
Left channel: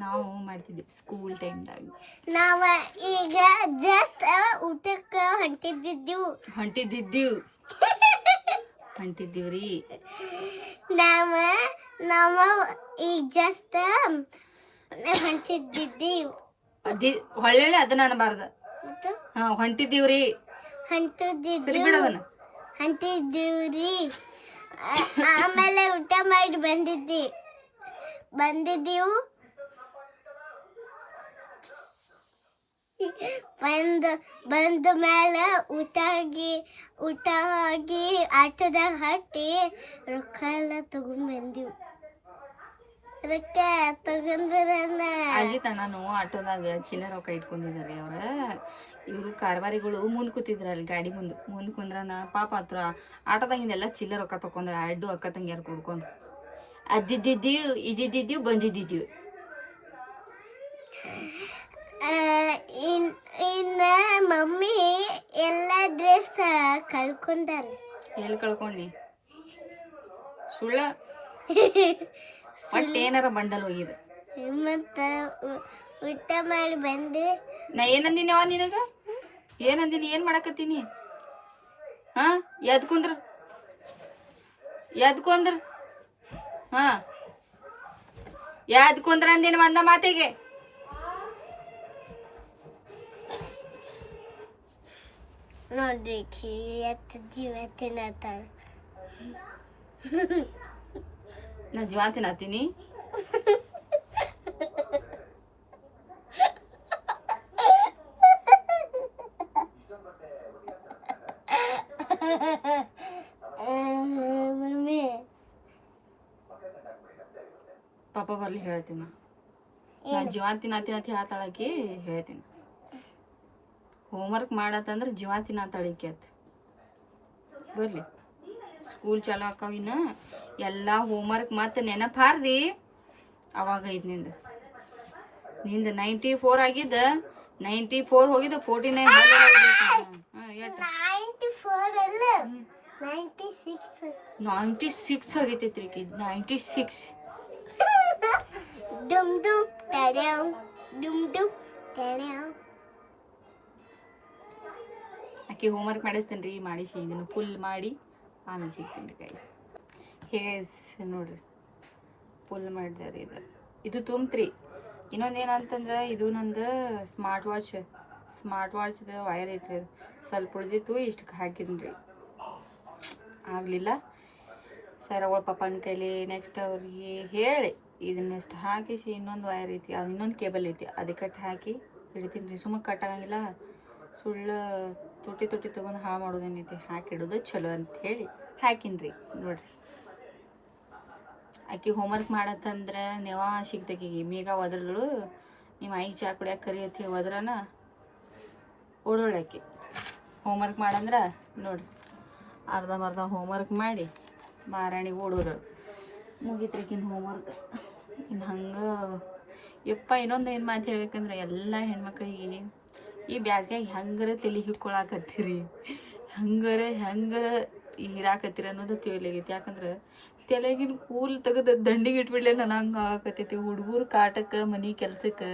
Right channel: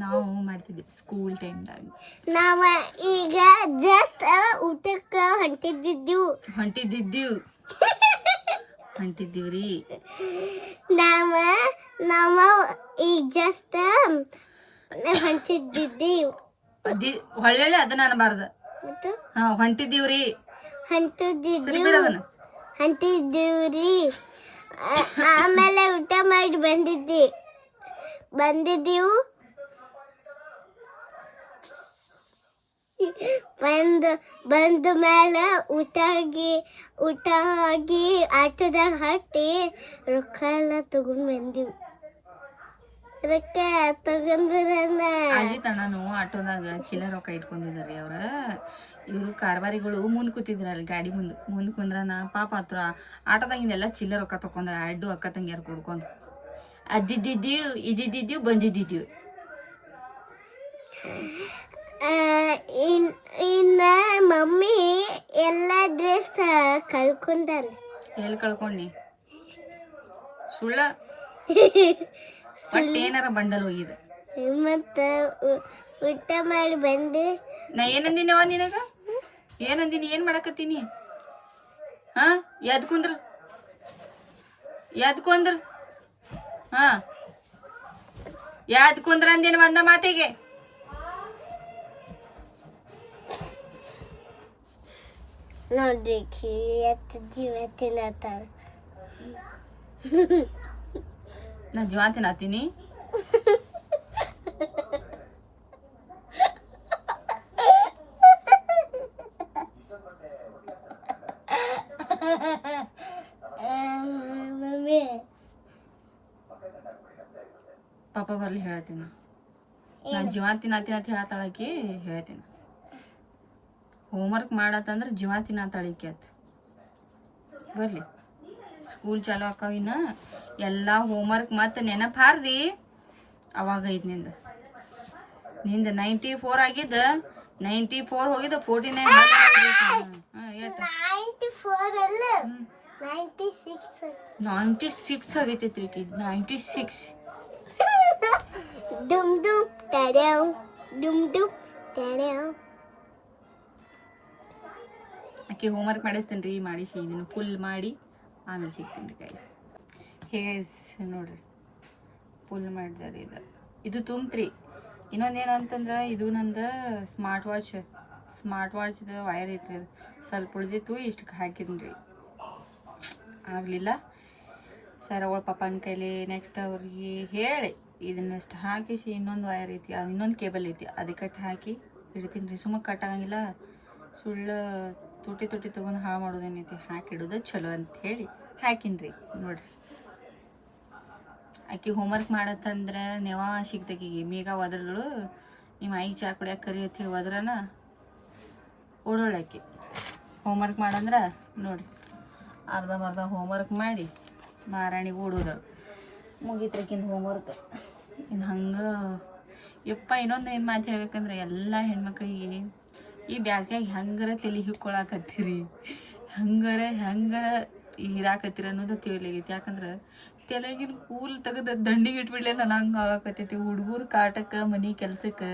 ನಾವು ಮಾಡ್ತಿದ್ವಿ ಸ್ಕೂಲ್ ಟೈಮ್ದಾಗ ನಾವು ಈಗ ಜಸ್ಟ್ ಊಟಕ್ಕೆ ಹೊಂಟಿದ್ದೀವ್ರಿ ನಾವು ಈಗ ಜಸ್ಟ್ ಹೊಂಟಿದ್ದೀವಿ ಹೊಳ್ಳೆ ಅದನ್ನ ಅನ್ನಬಾರ್ದು ಹಾ ಹೊಂಟಿದ್ದೀವ್ರಿ ಆಮೇಲೆ ಊಟ ಮಾಡಿ ಬಂದಿದ್ದೀವು ಬಂದ ಮೇಲೆ ಊಟ ಆಗಿ ಆಟೋದಾಗ ಹಟ್ಟಿ ರೊಕ್ಕ ಎಲ್ಲ ತಗೊಂಡ್ ಬಂದಿವಿ ಅಜಿತ್ ಅಣ್ಣನು ಆಟೋದಾಗ ಚಿಲ್ಲರ್ ರೊಕ್ಕ ಇಟ್ಕೊಂಡಿದ್ದಾರೆ ಇವರು ಕಾರ್ಬಾರಿಗಳು ಮುಂದೆ ಕೂತಿದ್ರಲ್ಲಿ ಗಾಡಿ ಮುಂದೆ ಕುಂದ್ರನ ಪಾಪ ಹತ್ರ ಆಟೋದಾಗಿಂದೆಲ್ಲ ಚಿಲ್ಲರ್ ರೊಕ್ಕ ತಕೊಂಡ್ರ 2 ಅಕ್ಕ ತಂಗಿಯಾರು ಕುಡ್ಕೊಂಡು ಇದ್ದಿದ್ದೀವ್ ಬಂದಿದ್ದೀವಿ ಇನ್ನ ಮಮ್ಮಿ ಎಲ್ಲ ಡ್ರೆಸ್ ಕಳ್ಕೊಂಡಾರ ಎಲ್ಲಿ ಕಳ್ಕೊಂಡಿ ಸುಳ್ಳ ಒಟ್ಟು ಏನಾರ ಬಂಡಲ್ ಹೋಗಿದೆ ಮತ್ತ ಊಟ ಮಾಡಿ ಬಂದೆ ನಾ ಏನಂದಿನವ ನಿನಗ ಏನಂದಿನಿ ಏನ್ ಮಾಡಕತ್ತೀನಿ ಹಾ ಎದ್ ಕುಂದ್ರ ಹಾ ಎದ್ ಕುಂದ್ರ ಅಂದಿನ ಒಂದ ಮಾತಿಗೆ ನೋಡ್ರಿ ಜೀವ ತಿನ್ನತ್ತಾರ ನಾ ಜೀವ ತಿನ್ನತ್ತೀನಿ. ಮಮ್ಮಿ ಪಾಪ ಬರ್ಲಿ ಹೇಳ್ತೀನಿ. ನಾನು ಜೀವ ತಿನ್ನತ್ತೀನಿ ಅಂತ ಹೇಳತ್ತಾಳಕಿ, ಹೇಳ್ತೀನಿ. ಹೋಮ್ವರ್ಕ್ ಮಾಡತ್ತಂದ್ರೆ ಜೀವ ತಿನ್ನತ್ತಾಳಿಕಿ ಅತ್ ಬರ್ಲಿ. ಸ್ಕೂಲ್ ಚಾಲು ಆಕಾವಿನ ಎಲ್ಲ ಹೋಮ್ವರ್ಕ್ ಮತ್ತೆ ನೆನಪು ಹಾರ್ದಿ ಅವಾಗ ಐದು ನಿಂದ 94 ಆಗಿದ್ದ 94 ಹೋಗಿದ್ದ 49 94 ಅಲ್ಲ 96 ಆಗೈತೈತ್ರಿ 96. ಡುಮ್ ಡುಮ್ ಟಡ್ಯಾವ್ ಡುಮ್ ಡುಮ್ ಟಡ್ಯಾವ್. ಆಕೆ ಹೋಮ್ವರ್ಕ್ ಮಾಡಿಸ್ತೀನಿ ರೀ, ಮಾಡಿಸಿ ಇದನ್ನು ಫುಲ್ ಮಾಡಿ ಆಮೇಲೆ ಸಿಗ್ತೀನಿ ರೀ ಗೈಸ್. ಹೇಸ್ ನೋಡ್ರಿ ಫುಲ್ ಮಾಡಿದಾರೆ. ಇದು ತುಂಬ್ತ್ರಿ. ಇನ್ನೊಂದೇನಂತಂದ್ರೆ ಇದು ನಂದು ಸ್ಮಾರ್ಟ್ ವಾಚ್ದು ವೈರ್ ಐತ್ರಿ, ಅದು ಸ್ವಲ್ಪ ಉಳಿದಿತ್ತು, ಇಷ್ಟಕ್ಕೆ ಹಾಕಿದ್ನಿ ರೀ, ಆಗಲಿಲ್ಲ. ಸರ್ ಅವಳ ಪಪ್ಪನ ಕೈಲಿ ನೆಕ್ಸ್ಟ್ ಅವ್ರಿಗೆ ಹೇಳಿ ಇದನ್ನಷ್ಟು ಹಾಕಿಸಿ ಇನ್ನೊಂದು ವೈರ್ ಐತಿ, ಅದು ಇನ್ನೊಂದು ಕೇಬಲ್ ಐತಿ, ಅದಕ್ಕೆ ಕಟ್ ಹಾಕಿ ಇಡ್ತೀನಿ ರೀ. ಸುಮ್ಮ ಕಟ್ ಆಗಂಗಿಲ್ಲ, ಸುಳ್ಳು ತುಟಿ ತೊಗೊಂಡು ಹಾಳು ಮಾಡೋದೇನೈತಿ, ಹಾಕಿಡೋದು ಚಲೋ ಅಂತ ಹೇಳಿ ಹಾಕಿನಿ ರೀ. ನೋಡ್ರಿ ಆಕೆ ಹೋಮ್ವರ್ಕ್ ಮಾಡತ್ತಂದ್ರೆ ನೆವ ಸಿಗ್ತಕೀಗ ಮೇಗ ಒದ್ರಗಳು, ನಿಮ್ಮ ಐ ಚಾ ಕುಡಿಯೋಕೆ ಕರಿ ಅಂತ ಹೇಳಿ ಒದ್ರನ ಓಡೋಳಾಕಿ. ಹೋಮ್ವರ್ಕ್ ಮಾಡಂದ್ರೆ ನೋಡ್ರಿ ಅರ್ಧಂಬರ್ಧ ಹೋಮ್ವರ್ಕ್ ಮಾಡಿ ಮಾರಾಣಿ ಓಡೋದಳು, ಮುಗಿತ್ರಿಕಿಂದು ಹೋಮ್ವರ್ಕ್. ಇನ್ನು ಹಂಗೆ ಯಪ್ಪ. ಇನ್ನೊಂದು ಏನು ಮಾತು ಹೇಳ್ಬೇಕಂದ್ರೆ ಎಲ್ಲ ಹೆಣ್ಮಕ್ಳಿಗೆ ಈ ಬ್ಯಾಸ್ಗ್ಯಾಗ ಹೆಂಗಾರ ತಲೆ ಹಿಕ್ಕೊಳಕತ್ತೀರಿ, ಹೆಂಗಾರ ಹೀರಾಕತ್ತೀರಿ ಅನ್ನೋದು ತಿಳಿಯಾಗೈತಿ. ಯಾಕಂದ್ರೆ ತಲೆಗಿನ ಕೂಲ್ ತೆಗೆದು ದಂಡಿಗೆ ಇಟ್ಬಿಡ್ಲೆ ನಾನು ಹಂಗೆ ಆಗಾಕತ್ತೈತಿ. ಹುಡುಗರು ಕಾಟಕ್ಕೆ ಮನೆ ಕೆಲ್ಸಕ್ಕೆ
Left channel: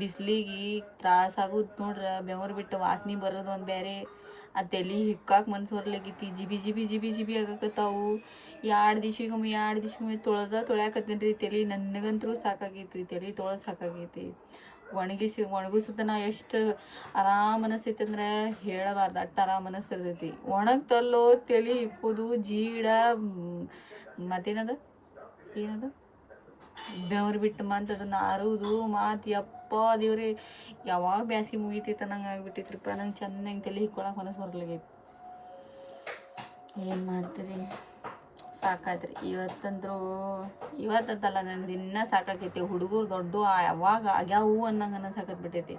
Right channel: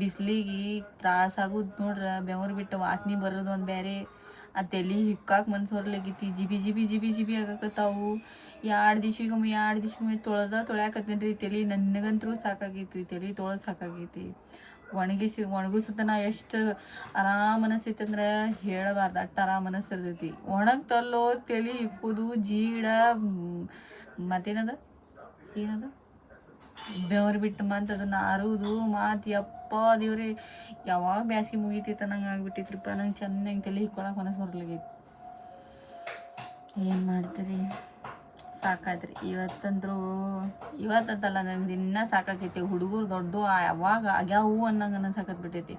ಬಿಸಿಲಿಗೆ ತ್ರಾಸಾಗೋದು ನೋಡ್ರ, ಬೆವರು ಬಿಟ್ಟು ವಾಸನೆ ಬರೋದು ಒಂದು ಬೇರೆ, ಆ ತಲೆ ಹಿಕ್ಕಾಕ ಮನ್ಸು ಬರ್ಲಾಗೈತಿ. ಜಿಬಿ ಆಗಾಕತ್ತಾವು. 2 ದಿವ್ಸಕ್ಕೊಮ್ಮೆ ತೊಳ್ಯಾಕತ್ತೀನಿ ರೀ ತಲೆ. ನನಗಂತೂ ಸಾಕಾಗೈತಿ, ತಲೆ ತೊಳೆದು ಸಾಕಾಗೈತಿ. ಒಣಗಿಸುತ್ತನ ಎಷ್ಟು ಆರಾಮ್ ಅನಿಸ್ತೈತಿ ಅಂದ್ರೆ ಹೇಳಬಾರ್ದು, ಅಷ್ಟು ಆರಾಮ್ ಅನಿಸ್ತಿರ್ತೈತಿ. ಒಣಗ್ತಲ್ಲೋ ತಲೆ ಹಿಕ್ಕೋದು ಜೀಡ, ಮತ್ತೇನದ ಏನದು ಬೆವರು ಬಿಟ್ಟು ಮತ್ತೆ ಅದನ್ನ ಅರುವುದು ಮಾತು. ಯಪ್ಪ ದೇವ್ರಿ, ಯಾವಾಗ ಬ್ಯಾಸಿಗೆ ಮುಗಿತೈತೆ ನಂಗೆ ಆಗ್ಬಿಟ್ಟಿತ್ರಿಪ್ಪ. ನಂಗೆ ಚೆನ್ನಾಗಿ ತಲೆ ಹಿಕ್ಕೊಳಕ್ಕೆ ಮನಸ್ಸು ಬರ್ಲಾಗೈತಿ. ಏನು ಮಾಡ್ತೀರಿ, ಸಾಕಾಯ್ತ್ರಿ ಇವತ್ತಂತಲ್ಲ ನನಗೆ ದಿನ ಸಾಕಾಕೈತಿ. ಹುಡುಗರು ದೊಡ್ಡ ಯಾವಾಗ ಆಗ್ಯಾವು ಅನ್ನಂಗೆ ಅನ್ಸಾಕತ್ಬಿಟ್ಟೈತಿ.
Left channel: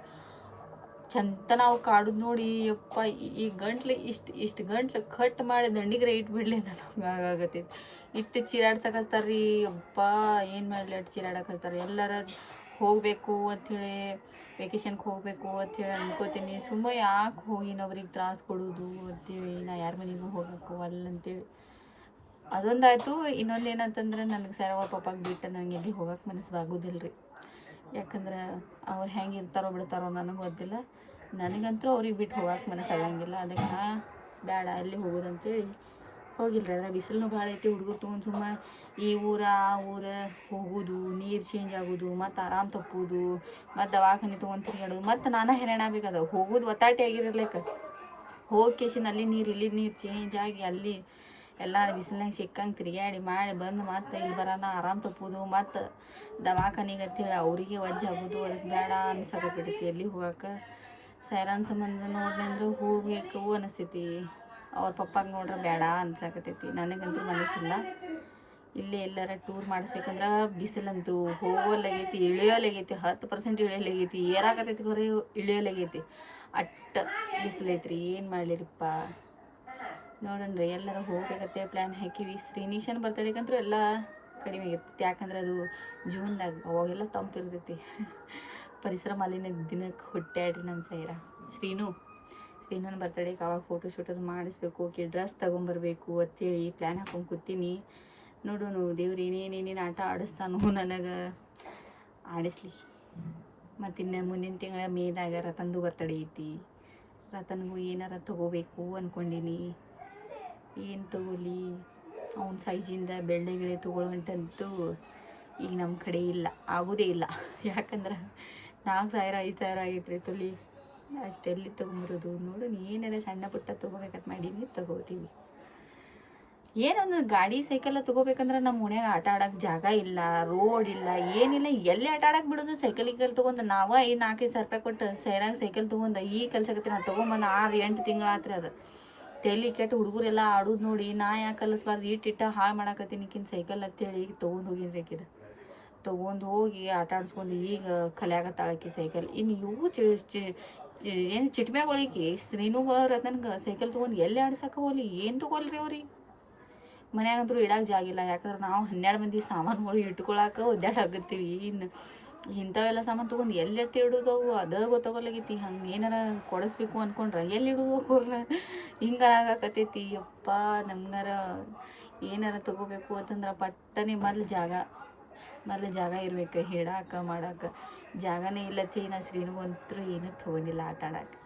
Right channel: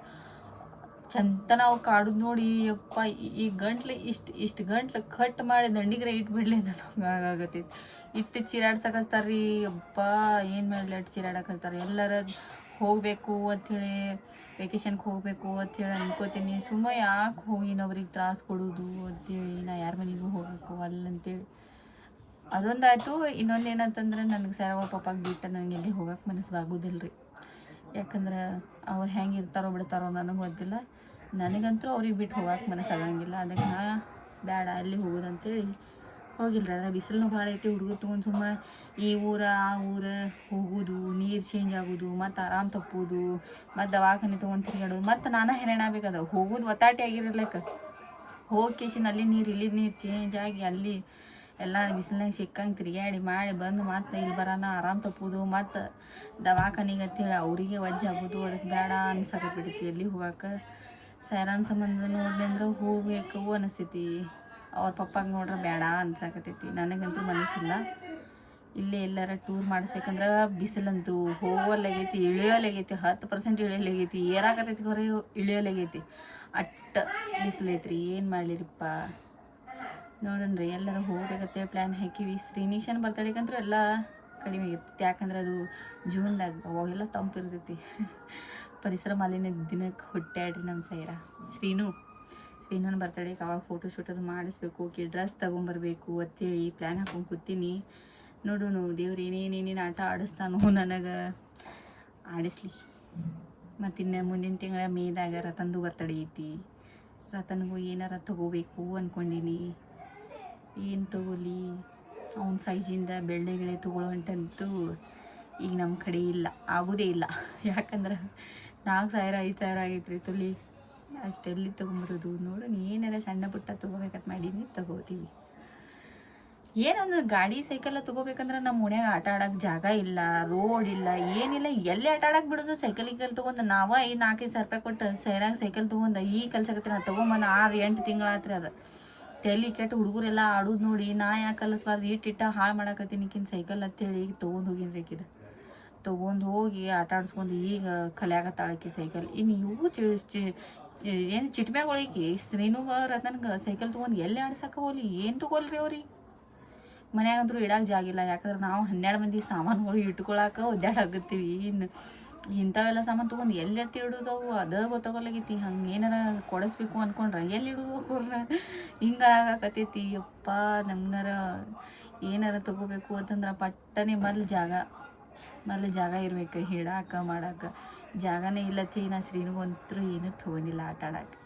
ಚಂತ ನಾವು ಕಾಡುದು ನೋಡಿ ಯಪ್ಪ, ಈ ಗಂಟ್ಲು ಇಷ್ಟು ಗಂಟ್ಲು ಕಟ್ ಮಾಡಿ ದಂಡಿಗ್ರೆ ಇಟ್ಬಿಡ್ಲಿ ನನಗೆ ಆಗಾಗತ್ತೈತಿ. ಇಟ್ಟು ಚೀರಾಡ್ಸಕಸ್ತಾರ್ರಿ ಯಪ್ಪ, ಏನು ಮಾಡಲಿ ಅಷ್ಟು ಚೀರಾಡಕತ್ತಾರೆ. ಎಲ್ಲರ ಹೋಗಬೇಕು ಅಂಥೇಳಿ, ವೆಕೇಷನ್ಗೆ ಹೋಗಬೇಕು ಅಂಥೇಳಿ ಅನ್ಕೋತೀನಿ. ಸುಮ್ಮ ಯಾಕೆ ಹೋಗಿ ಇನ್ನೊಬ್ರಿಗೆ ತ್ರಾಸ ಕೊಡೋದು ಅಂಥೇಳಿ ನಾ ಯಾರ ಮನೆಗೂ ಹೋಗಕ್ಕೆ ಅಲ್ಲಂತೇಳಿ ಅದೊಂದಾಯಿತು. ಇನ್ನೊಂದು ಏನಂತಂದ್ರೆ ನನಗೆ ಸರವಳ ಪಪ್ಪಾಗೆ ಬಿಟ್ಟು ನನಗೆ ಎಲ್ಲಿ ಹೋಗಕ್ಕೆ ಮನಸ್ಸು ಆಗೋದಿಲ್ಲ ರೀ. ಯಾಕಂದ್ರೆ ಅವ್ರು ಹೆಂಗೆ ಇರ್ತಾರೋ ಬಿಡ್ತಾರೋ ನನಗೆ ಗೊತ್ತಿಲ್ಲ. ನನಗಂತೂ ಅವ್ರಿಗೆ ಬಿಟ್ಟು ಹೋಗಕ್ಕೆ ಮನಸ್ಸಾಗಂಗಿಲ್ಲ. ಅದಕ್ಕೆ ನಾ ಬೇಡ ಅಲ್ಲಿ ಹೋಗೋದಂತೇಳಿ ಹೋಗಿಲ್ಲ ರೀ. ಅದ್ರ ಬಿಸಿಲು ಭಾಳ ಐತಿ. ಹುಡುಗರು ತೊಗೊಂಡು ಸುಮ್ಮ ಈ ಊರ ಆ ಊರ ಹೋಗೋದು, ನೀರು ಚೇಂಜ್ ಆಗೋದು, ಮತ್ತು ಆರಾಮ್ ತಪ್ಪೋದು, ಮತ್ತು ದವಾಖಾನೆ ತೊಗೊಂಡು ತಿರುಗಾಡೋದು, ಮತ್ತು ನಾನು ಹೆರಾಣ ಆಗ್ಬೇಕದ. ಹೋಗೋದು ಒತ್ತಾಟಿ ಆಗಿರಲಿಕ್ಕೆ ಹೋಗಿ ಕೇಸಿನ ಅಲ್ಲಿ ನೀರು ಇಲ್ಲಿ ನೀರು ಚೇಂಜ್ ಆಗಿ ಅಲ್ಲಿ ಎಲ್ಲ ಬಿಸಿಲ್ನಾಗ ಸಿಕ್ಕಂಗೆ ತಿರುಗಾಡಿ ಮಾಡಿ ಬಂದು ಮತ್ತು ಇಲ್ಲಿ ಬರೋಣ ಆರಾಮ್ ತಪ್ಪೋದು, ಮತ್ತು ದವಾಖಾನಿಗೆ ಅಂತೇಳಿ ಅವರಿಗೆ ವಜ್ಜೆ ಆಗೋದು. ಅದಕ್ಕೆ ಬೇಡ ಅನ್ಸಕತ್ಬಿಟ್ಟೈತಿ ಎಲ್ಲಿ ಹೋಗಕ್ಕೆ. ಸೈರಾನ್ ಸಂಬಂಧ ನೋಡ್ಲಿ ಅಂದ್ರೆ ಹೋಗಬೇಕು ಅನಿಸ್ತೈತಿ. ಅವ್ರ ಪಪ್ಪಾಗೆ ನೋಡ್ರೆ ಬೇಡ ಅನ್ಸಾಕತ್ತೈತಿ. ನನಗಂತೂ ಮನಸ್ಸಿಲ್ಲ. ಇಲ್ಲೇ ಎಲ್ಲರ ಟೂರ್ ಮಾಡಿಸ್ಬೇಕಂದ್ರೆ ಬಿಸಿಲಂತೂ ಹೋಗೋಲಾಗೈತಿ, ಇಳಿಯೋಲಾಗೈತಿ, 10% ಇಳಿಯೋಲಾಗೈತಿ, ಏರಾಕತ್ತೈತಿ ಹೊರ ಇಳಿಯೋಲಾಗೈತಿ. ಅಟ್ಟ ಬಿಸಿಲೈತ್ರಿ. ಏನು ಮಾಡಲಿರಿಪ್ಪ. ನೋಡಣ್ರಿ ಎಲ್ಲರೂ ಹೋಗ್ಬೇಕಂತೆ ಪ್ಲ್ಯಾನ್ ಹಾಕಿವಿ. ಶ್ರೀನಿಶನ್ ಬರ್ತಡೇಗಂತೂ ಎಲ್ಲ ಕಡಿಮೆ ಆಗಿರ್ತೈತಿ. ಯಾಕಂದ್ರೆ ಅದು ಜೂನ್ದಾಗ ಅವಾಗೆಲ್ಲ ತಂಪಿರ್ತೈತಿ. ಪರಿಸರ ಮಾಲಿನ್ಯ ದಿನಕ್ಕೆ ಹುಟ್ಟ್ಯಾಡ್ರಿ ನಮ್ಮ ಶ್ರೀನೂನ ಬರ್ತಡೇಗೆ ಅವಾಗ ಫೋಟೋ ಶೂಟ್ ಅದು ಮಾಡಿಸ್ಬೇಕು. ಓಕೆ ಡ್ರೆಸ್ ತೊಗೊಂಬರ್ಬೇಕು ಅಂತೇಳಿ ಪ್ಲ್ಯಾನ್ ಹಾಕೊಂಡು ಕೂತೀನಿ. ನೋಡೋಣ ದೇವ್ರು ಏನೇನೇನೇನು ಆಟ ಆಡಿಸ್ತಾನೋ ನನಗೆ ಆಡಿಸ್ಲಿ. ಮತ್ತು ಇನ್ನು ಮುಂದಿನ ತಿಂಗಳ ಮೇದಾಗ ರತನ್ದು ಬರ್ತಡೇ ಐತಿ. ರತನ್ಗೂ ಏನಾರ ತೊಗೋಬೇಕು ಅಂದ್ಕೊಂಡೀನಿ. ಏನು ತೊಗೊಲಿ, ಅವ್ನ ಸೈಜಿಂದ ಬೆಳ್ಳೆ ತೊಗೊಳ್ಳೋ ಹೊಂಟಂತೂ ಈಗ ನಮ್ಮ ಕಡೆ ಇಲ್ಲ, ಆಗೋದೇ ಇಲ್ಲ. ಯಾಕಂದ್ರೆ 4,000 5,000 ಆಗೈತ್ರಿ ತೊಲಿ. ಅಷ್ಟೆಲ್ಲಿ ತೊಗೊಂಬರೋದು. ನೋಡೋಣ ಏನಾರ ಸಣ್ಣ ಪುಟ್ಟ ತೊಗೋಬೇಕಂತ ಮಾಡೀನಿ, ತೊಗೋತೀವಿ. ಏನೊಂದು ಗಾಡಿ ಸೈಕಲ್ ತಗೋಬೇಕಂದ್ರೆ ನಮ್ಮ ಓಣ್ಯಾಗ ಆಟ ಆಡಕ್ಕೆ ಜಾಗ ಇಲ್ಲ, ರೋಡ್ ಇಲ್ಲ, ಏನಿಲ್ಲ. ಎಲ್ಲಿ ಆಟ ಆಡಕ್ಕೆ ಬಿಡೋದು? ಸೈಕಲ್ ತೊಗೊಂಡು ನಾವ 4-5 ಸಾವಿರ ರೂಪಾಯಿ ಕೊಟ್ಟು ಸೈರಾಗ ಸೈಕಲ್ ತೊಗೊಂಡು ಕಲ್ಸಕತ್ತೀನಿ. ನಾನು ತೊಗೊಂಬಂದು 6-8 ತಿಂಗಳಾತ್ರಿ. ಅದು ತಲೆ ಕೆಟ್ಟು ಹುಡುಗರೆಲ್ಲ ಆಡೋದು ನೋಡಿ ನಾ ಯಾಕೆ ಕಲಿಸ್ಬಾರ್ದು, ಇಟ್ಟಿಟ್ಟ ಹಾಳು ಮಾಡಾಕತ್ತೀನಿ ಈಕಿನ ಸೈಕಲ್ ಅಂತೇಳಿ ಈಗ ತೊಗೊಂಡು ಹೋಗಿನ್ರಿ. ಆಕಿದ ತೊಗೊಂಡು ಹೋಗಿ ಆಟ ಆಡ್ಸ್ಕೊಂಡು ಈಗ ಕಲಿಯಾಗತ್ತಾಳಕಿ ಸೈಕಲ್. ಇನ್ನು ಇವು ಏನು ಚಿಟ್ಮ್ಯಾಗೊಳಗಿ ಶ್ರೀನುಗ ರತನ್ಗೆ ಸೈಕಲ್ ತೊಗೊಂಡು ಎಲ್ಲಿ ಆಡ್ಸಕ್ಕೆ ಹೋಗ್ಲಿ, ಏನು ತೊಗೊಲ್ರಿ ಅವ್ರಿಗೆ? ಮನ್ಯಾಗಂತೂ ಇಡಕ್ಕೆ ಜಾಗಿಲ್ಲ. ಯಾಕಂದ್ರೆ ನಾವು 12 ಮಂದಿ ಸಾಮಾನುಗಳು ಇಟ್ಕೊಳಕ್ಕೆ ಒದ್ದಾಡಾಗತ್ತೀವಿ. ಇನ್ನು ಇಂಥವೆಲ್ಲ ಸಾಮಾನು ತೊಗೊಂಡು ಎಲ್ಲಿ ಎತ್ತಿ ಇಡೋದವು ಅದ ಗೊತ್ತಾಗಲಾಗೈತಿ. ಹಂಗೆ ಏನಾರ ಕೊಡಿಸ್ಬೇಕು ಅಂದ್ಕೊಂಡ್ರೆ ಎಲ್ಲಿ ಇಡೋದು ಅವ್ರನ್ನ? ಹಿಂಗಾರ ಆಗಾಕತ್ತೈತಿ. ಯಪ್ಪ ನಮ್ಗಾರ ಏನಾರ ತೊಗೋಬೇಕು ಅಂತಂದ್ರೆ ಪಟ್ಟನೆ ಮೊದಲು ಜಾಗ ಇರ್ಬೇಕು. ಹಿಡಾಕ ಮಾಡಕ್ಕೆ ಜಾಗನೇ ಇಲ್ಲತ್ತಿ. ನಾ ಶ್ರೀನಿಗಂತೂ ಏನೂ ತೊಗೊಂಡಿಲ್ಲ ಆಟ ಆಡಕ್ಕೆ.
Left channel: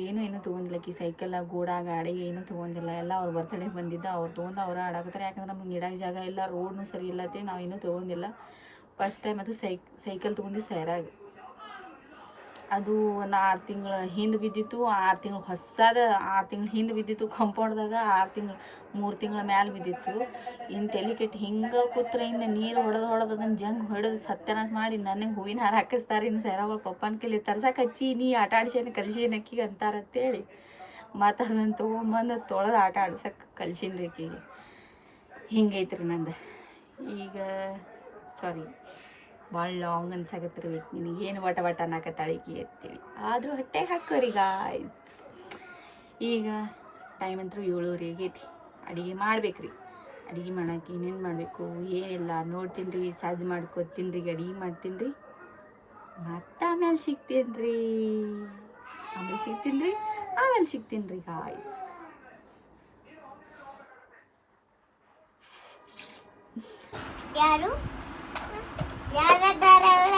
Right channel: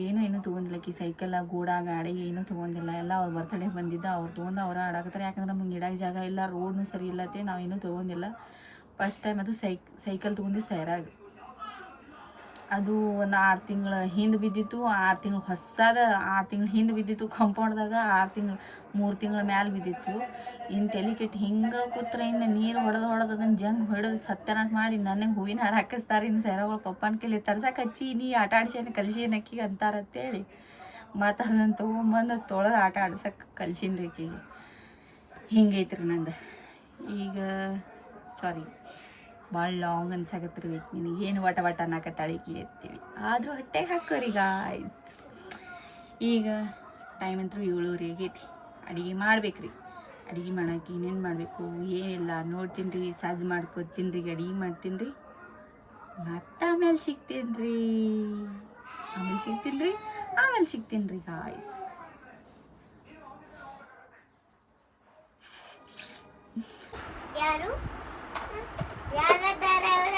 ಏನೂ ತೊಗೊಂಡಿಲ್ಲ. ಸೈಕಲ್ ಗೋಡ ಗಾಡಿ ಏನೂ ತೊಗೊಂಡಿಲ್ಲ. ಎಲ್ಲ ಅವ್ರ ಬರ್ತಡೇ ಬಂದಿದ್ದ ಅವ್ರು ತೊಗೊಂಡು ಅವ್ರು ಆಡಾಕತ್ತಾರೆ. ಯಾಕಂದ್ರೆ ನಮ್ಗೆ ಇಡಕ್ಕೆ ಜಾಗ ಇಲ್ಲ, ರೋಡ್ನು ಸರಿ ಇಲ್ಲತ್ತೆ. ನಾವೇನೂ ತೊಗೊಂಡಿಲ್ಲ. ಫಸ್ಟ್ ಟೈಮ್ ಅದು ಸೈಕಲ್ ತೊಗೊಂಡು ಸೈರಾಗ. ಅದು ಒಂದು 6 ತಿಂಗಳ ಹಿಂದೆ ಬಿದ್ದಿತ್ತು. 6 ತಿಂಗಳು ಹೊಸದ 6 ತಿಂಗಳು ಹಿಂದೆ ಬಿದ್ದಿತ್ತು ಕಂಪೌಂಡ್ದಾಗ. 3 ತಿಂಗಳ ಮ್ಯಾಲೆ ಬಿದ್ದಿತ್ತು. ಇನ್ನು ತಲೆ ಕೆಟ್ಟು ಹಿಂಗೆ ಕೂತ್ರೆ ಇನ್ನು ನೀರು ಹೊಡೆದು ಅದನ್ನು ಜಂಗ್ ಹೊಡೆದು ಸತ್ಯನಾಶ ಮಾಡಿ ನನಗೆ ಹೂವಿನ ಹಾರ ಹಾಕಿಸ್ತಾರೆ. ಇನ್ನು ಸೈರಾಗಳು ಪಪ್ಪನ ಕೈಲಿ ತರ್ಸಕ್ಕೆ ಹಚ್ಚಿ ನೀ ಆಟ ಆಡ್ಸೇನೆ ಕಲ್ಸೇನೆ ಅಕ್ಕಿಗೆ ಅಂತಾರಂತೇಳಿ ಮತ್ತು ಅದನ್ನು ತೊಗೊಂಬಂದು ತೊಳೆದು ಆಟ ಆಡ್ಸಕ್ಕೆ ಕಲ್ಸಿನ್ರಿ ಅಕ್ಕಿಗೆ. ಹಿಂಗೈತ್ರಿ ನಂದು ಈಗ. ಸಾರಿ, ಭಾಳ ಲಾಂಗ್ ಅನ್ಸಾಕತ್ರಿ. ನಿನಗೆ ಏನು ವಟ ಅನ್ನಕತ್ತಾಳಿಕಿ ಅಂತೇಳಿ. ಆದರೂ ಹೊಟ್ಟೆಗೆ ಹಾಕೋರಿ ಗಾಯ್ಸ್. ಈಗ ಟೈಮ್ ಅಂತೂ 7:30 ಆಗೈತಿ. ಅಡುಗೆ ಮಾಡ್ಬೇಕ್ರಿ. ಅಡುಗೆ ಮಾಡೋಕೆ ಏನೇನು ಮಾಡಬೇಕು ಏನಿಲ್ಲ ನೋಡ್ತೀನಿ ರೀ. ಸಜ್ಜು ಮಾಡ್ಕೊತೀನಿ ರೀ, ಅಡುಗೆ ಮಾಡ್ತೀನಿ ರೀ. ಮತ್ತು ಆಮೇಲೆ ಸಿಗ್ತೀನಿ ರೀ ಗಾಯ್ಸ್. ಯಾರು ಯಾರದಾರ ಅವರ?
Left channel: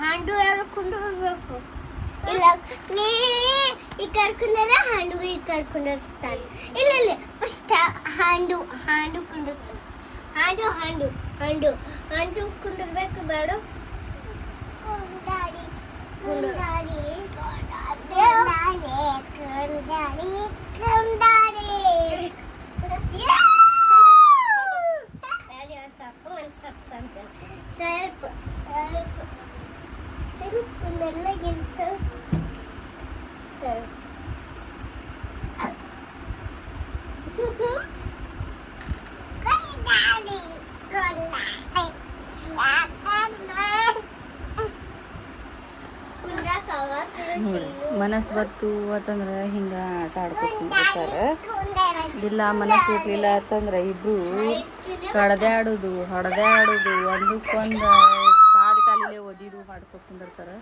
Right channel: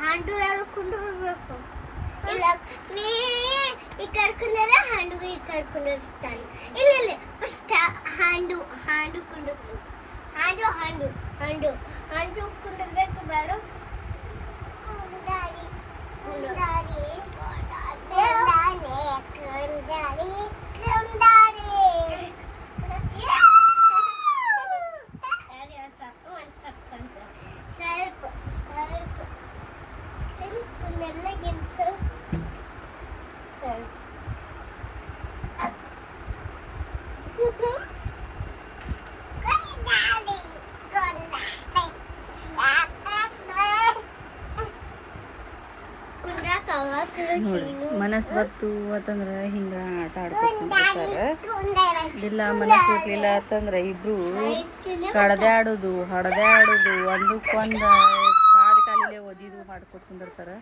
ಹ್ಯಾಂಡು ಯಾರು ಕುಂಡ್ರಬೇಕು? ಇಲ್ಲ, ನೀ ಈ ಕರ್ಕೊಂಡ್ರೆ ಹ್ಯಾಂಡು ಈ ಕರ್ಕೊಂಡಿರ್ತಾನೆ. ಇಲ್ಲ ಫಸ್ಟ್ ಹ್ಯಾಂಡು ಕುಂಡಿರ್ತಾನೆ. ಹ್ಯಾಂಡು ಕುಂಡಿರ್ಬೇಕು. ಬೇಡ ಸ್ವಲ್ಪ ನೆಲ್ಲಗಿನ ನೋಡ್ರಿ ಮನಸ್ಸು ಬತ್ತು ಅಂತಂದ್ರೆ ಹಿಂಗೆ ಆಟ ಆಡ್ಕೊತಿರ್ತಾರೆ. ಇಲ್ಲ ಮನಸ್ಸು ಇರಲಿಲ್ಲ ಅಂತಂದ್ರೆ ಇಬ್ಬರು ಹೊಡೆದಾಡೋದು ಒಂದಕ್ಕೊಂದು ಕಾಲಿಲೆ ಒದಿದು ಮಾಡ್ಕೊತ ಕುಂದಿರ್ತಾರೆ.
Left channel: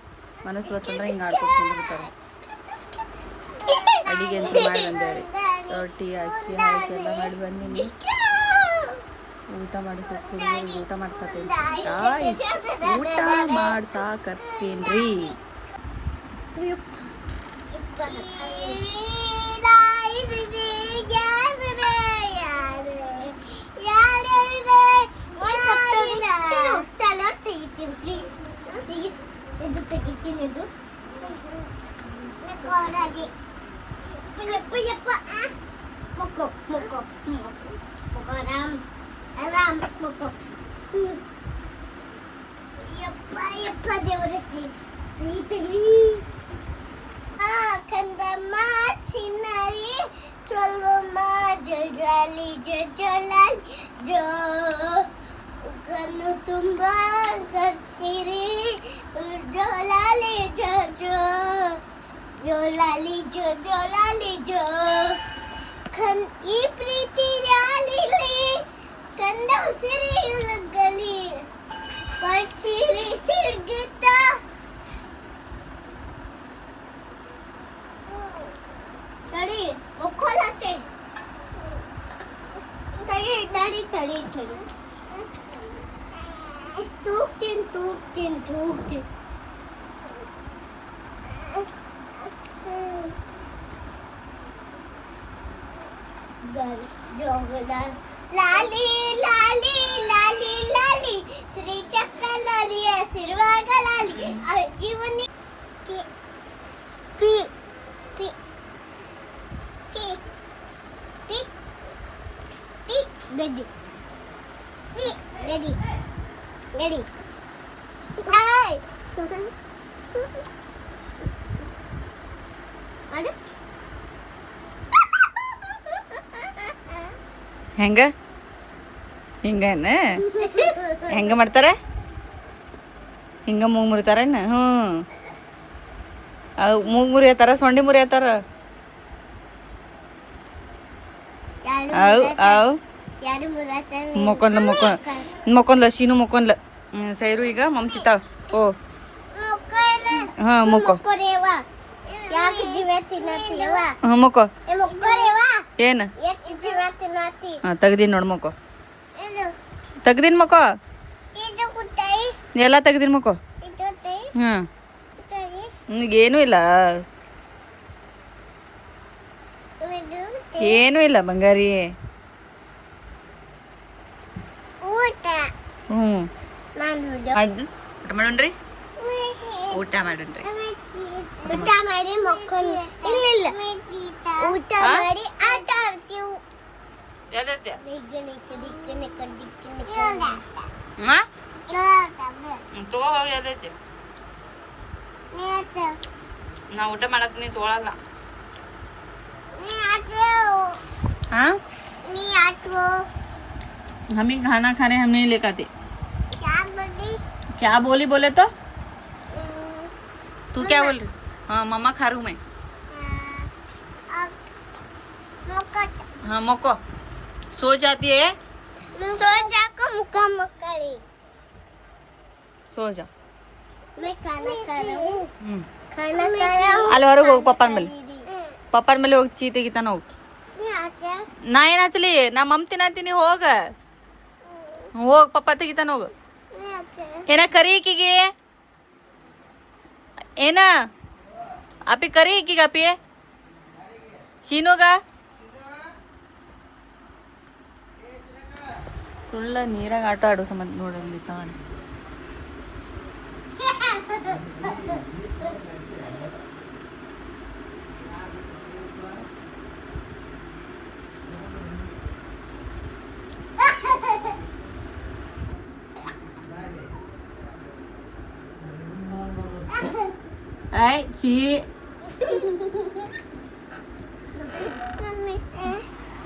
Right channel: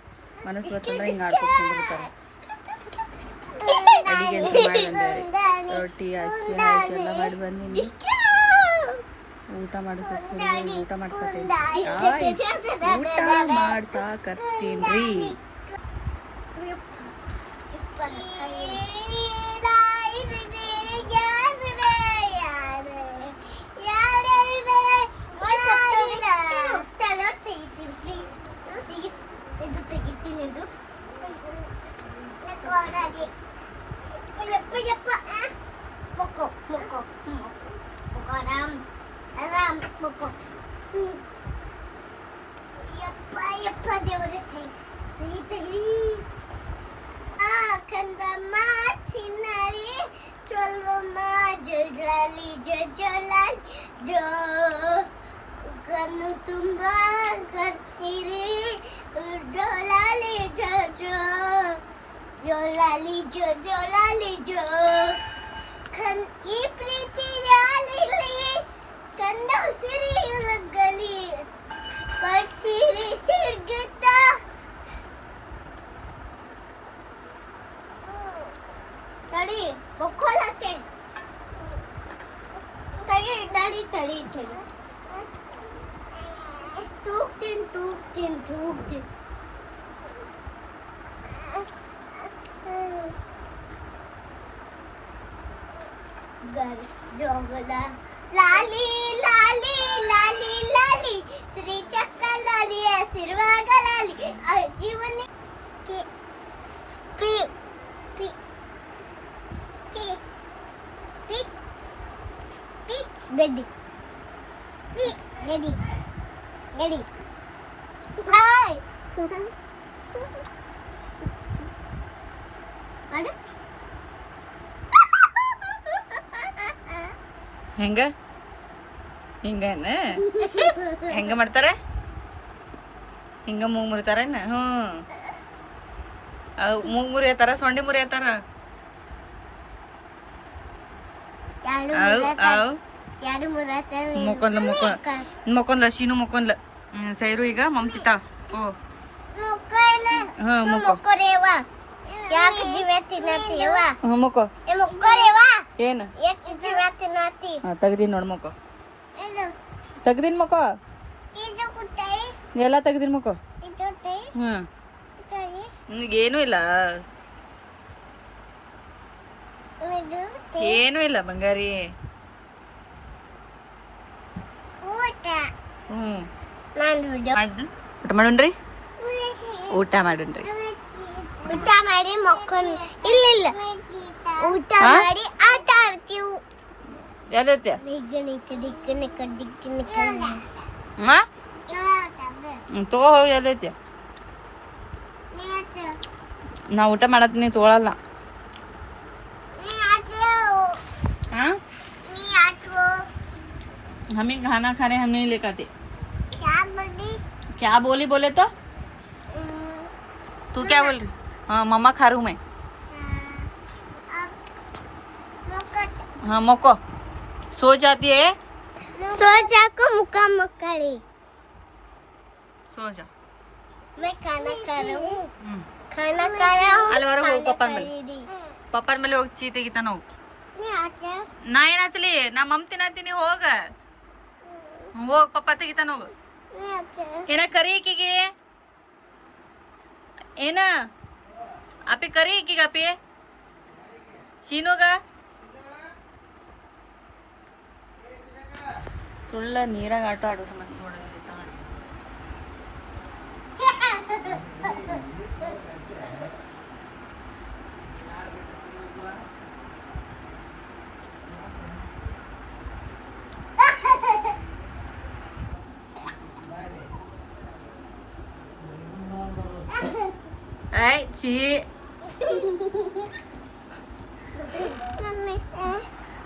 ಮನಸ್ಸು ಬತ್ತಂದ್ರೆ ಹಿಂಗೆ ಆಡ್ಕೊತ ಕುಂದಿರ್ತಾರೆ. ಅಡಿಗೆ ಅಂತೂ ಮಾಡಿ ಬಂದೇವ್ರಿ. ರೊಟ್ಟಿ ಅಕ್ಕಿ ಹಾಕಿ ಎಲ್ಲ ಮಾಡಿ ಬಂದೀನಿ. ಊಟ ಮಾಡಿಸ್ಬೇಕು ಹುಡುಗರಿಗೆ. ಊಟ ಮಾಡ್ಸಾಕತ್ತೀನಿ ರೀ. ಇದು ತೆಗಿತೀನಿ. ಇದು ಆರಾಮ್ ಮುಕ್ಕೋ. ಯಪ್ಪ ದೇವ್ರೆ ತೈ ಕಂದಮ್ಮ ಚಿನ್ನರಿ ಚೊಲ್ವಮ್ಮ ಜೊಲಾಲಿ ಜೋ ಕಣ್ಣು ತುಂಬ ಕರ್ಸಿರಿ ಜೊಲಾಲಿ ಜೋ ಈ ಪ್ರೀತಿ ಯಾಲಿಲಿ ಕಂದ ಉಸಿರಿ ಲಗ್ಗಲಿ ಕಳ್ಸಿರಿ ಸಿಡ್ಗುತ್ತ ತಡಿ ಒಕ್ಕೊಳತ್ತೆ. ತಡಿ ತೂಗ್ತೀನಿ. ಜೋಗದ ಲಾಲಿ ಶ್ರೀ ಚಕ್ಕ ಲಾಲಿ ಸಿರುವಾಗ ಲಾಲಿ ಜೀವನಿ ಗಡ್ಡಿ ಗಡ್ಡಿ ಗಡ್ಡಿ ಹಾಯ್ ಅರೆ ಹೆಂಗ ಹಿಂಗನ ಹೆಂಗ ಮಾಡ್ತಾರ ಹಿಂಗ ಮೂಗ್ ಮುರಿತಾರೇನ ಹ್ಞೂ ಅದು ಮೂಗ್ ಮುರಿಯತ್ತಾರ ಸೊಂಡಿ ಮುರಿಯತ್ತಾರ ಅವು ಅವು ಯಾರು ಮುರಾತ ಮೊಕೊಂದ್ಲ ಮೊಕೊಂದ್ಲ ಸೀನು ಮೊಕೊಂದ್ಲ ಸೈರು ಈಗ ಮಮ್ತಿತ್ತಾಳ ಓ ಹಾಂ ಮೊಕ್ಕೋ ಯಾಕೆ ಜೀವ ತಿನ್ನತ್ತೀವ ಹ್ಞೂ ಮೊಕ್ಕೋ ಮುಕ್ಕೋರೇವ ಏನು ಎಷ್ಟು ಜೀವ ತಿನ್ನತ್ತಿ ಹಾಂ ತೆಗ್ದೀನಿ ನೋಡು ಮೊಕ್ಕೋ ಇದು ತೆಗ್ದೀನಿ ಮೊಕ್ಕೋ ಇದು ಕುತ್ತಾಯಿ ಎಲ್ಲ ತೆಗ್ದೀನಿ ಮೊಕ್ಕೋ ಇದು ತೈ ಹ್ಞೂ ಕುತ್ತಾಯಿ ಏನೂ ಇಲ್ಲ ಇದು ಏನೂ ಇಲ್ಲ ಬಂಗಾರಿ ಊಟ ಹ್ಞೂ ನಾನು ಊಟ ಮಾಡೋಣ್ರಿ ಊಟ ಮಾಡೋಣ್ರಿ ಊಟ ಮಾಡಿ ಮಕ್ಕಳು ಇಲ್ಲ ಇಲ್ಲ ಊಟ ಮಾಡಿ ಆಟ ಆಡ್ತೀವಿ ಎಲ್ಲೈತೆ ಹಾಂ ಹಾಂ ತಗೋ ಹೋಗಿ ಎಲ್ಲೈತೆ ನಾ ಊಟ ಮಾಡತ್ತೀನಿ ತೊಗೊಳಲ್ಲ हाँ हम ही खाना खा रहे हैं, हम नहीं लेकर आते क्या बोली बोले तो तू क्या बोल रही हाँ मम्मा खा रही हूँ मैं हाँ मोको सो जाती है सो जाको मुक्का मक्कड़ी सो जा मैं खाना खा रहा हूँ खाना खा रहा हूँ ಅಲ್ಲಿ ಹೊರಗೆ ಹೋಗಿ ಪಪ್ಪನ ಮೇಲೆ ಹೋಗಿ ಚೀ ತೆಗಿತಾನ ಹೋಗಿ ನಾ ಏನ್ ಹಚ್ಚಲಿ ನಾ ಮಮ್ ತಿನ್ನತೀನಿ ಹೋಗ ಹೋಗ್ ಪಪ್ಪ ತೆಗಿತಾನ ಹೋಗ ಏನ ಕರಿ ಈಕಿಗೆ ಏನ ಅಪ್ಪಿ ಕರಿ ಈಕಿಗೆ ಅಪ್ಪಿ ಶೀನುಗ ಸುಳ್ಳ ನೀರಾಗ ಆಟ ಆಡೋ ಸಂಬಂಧ ನೋಡಲಿ ತಗೊಂಡು ay si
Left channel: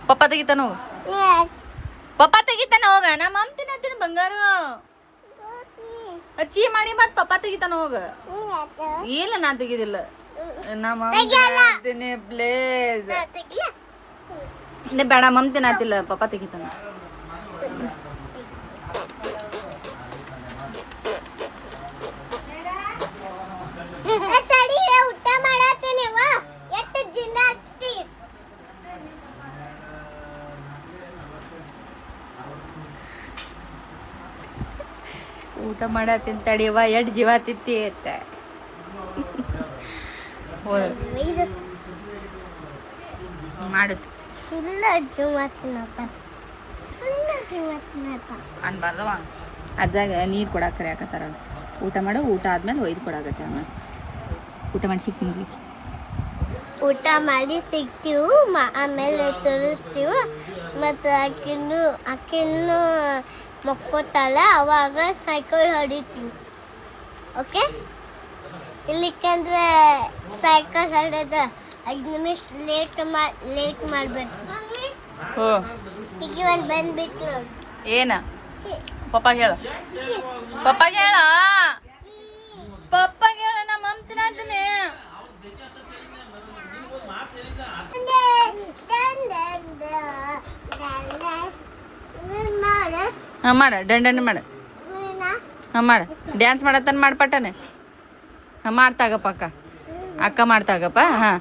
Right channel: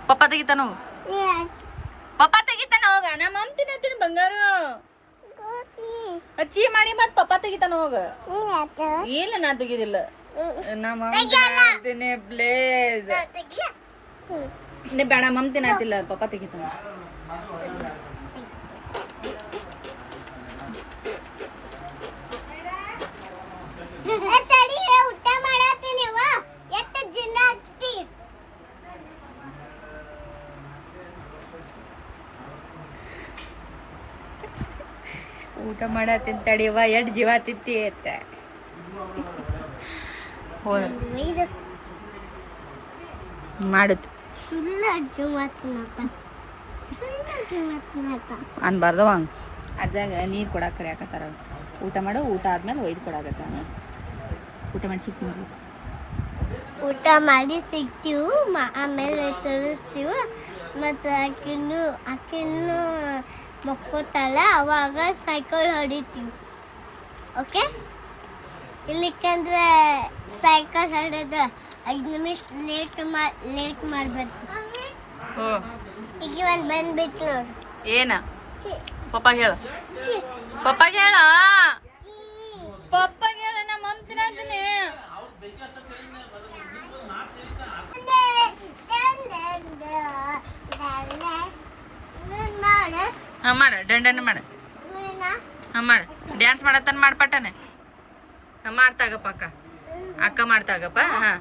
papa ತೆಗಿತಾನ ಪಪ್ಪ ತೆಗಿತಾನ ಹೋಗ ನಾ ಮಮ್ ತಿನ್ನತ್ತೀನಿ ಬಂಗಾರ ಅಚ್ಚಿ ಮಾಡಿ ಮತ್ ಪಪ್ಪ ತೆಗಿತಾನ ಹೋಗ ಇಲ್ಲ ನಾ ತೆಗಿದಿಲ್ಲ ನಾ ಮಮ್ ತಿನ್ನತ್ತೀನಿ ಪ್ಲೇಸ್ ನೀ ಬೇಡ ಮಮ್ ತಿನ್ನತ್ತಿಲ್ಲ ಪಪ್ಪ ತೆಗಿತಾನ ಊಟ ಮಾಡತ್ತೀನಿ ಎಷ್ಟು ಜಿನ್ನ ಹಚ್ತಿ ಊಟ ಮಾಡತ್ತೀನಿ ತಡಿಯವ್ವ ಎಷ್ಟ್ ಜೀವ ತಿತ್ತಿ ಅತ್ತ ಹೋದ ಇದು ಮಾಡುತ್ತ ಸುಳ್ಳ ಜೀವ ತಿನ್ನತ್ತ ಅನ್ಬಾರ್ದವ ಅದಾಗ ನೀರು ಕೊಡಾಕ ಕರಿಯಾಕತ್ತಾರ ಊಟ ಮಾಡು ಊಟ ಆದ್ಮೇಲೆ ಒಯ್ದು ಕೊಡಾಕತ್ತಾನ ಊಟ ಮಾಡಿ ಸಿಗ್ತೀನಿ ಊಟ ಮಾಡಿ ಸಿಗ್ತೀವಿ ಆಮೇಲೆ ತೋರಿಸ್ತೀವಿ ಮತ್ತು ಆಕಿನ್ನು ಮಕ್ಕೋತಾಳ ಅವಾಗ ಸೈಕಲ್ ಹೊಡಿತೀವಿ ಓಕೆ ಇಲ್ಲಿಕಂದ್ರೆ ಸೈಕಲ್ ಹೊಡೆದ 5 ನಿಮಿಷ ಲೇಟ್ ಮಾಡ್ಬಾರ್ದು ಹೋ ಈಗ ಒಂದು ಬಂದ್ಬಿಟ್ಟು ಏನ ಪಪ್ಪಾಗ ಹೇಳ ಪಪ್ಪಾಗ ಹೇಳ ಪಪ್ಪಾಗ ಹೇಳ ನಾ ಮಮ್ ತಿನ್ನತ್ತೀನಿ ಹಾಂ ಮಾಡ ದಂಡನೆ ಮಾಡ ಹಾಂ ಮಾಡ ಡ್ಯಾನ್ಸ್ ಮಾಡತ್ತಾನ ಮಾಡ್ಪಟ್ಟನೆ ಹಾಂ ಮಾಡ್ತಾಗಪ್ಪ ಅಕ್ಕ ಮಾಡ್ತಾಗಪ್ಪ ಹಾಂ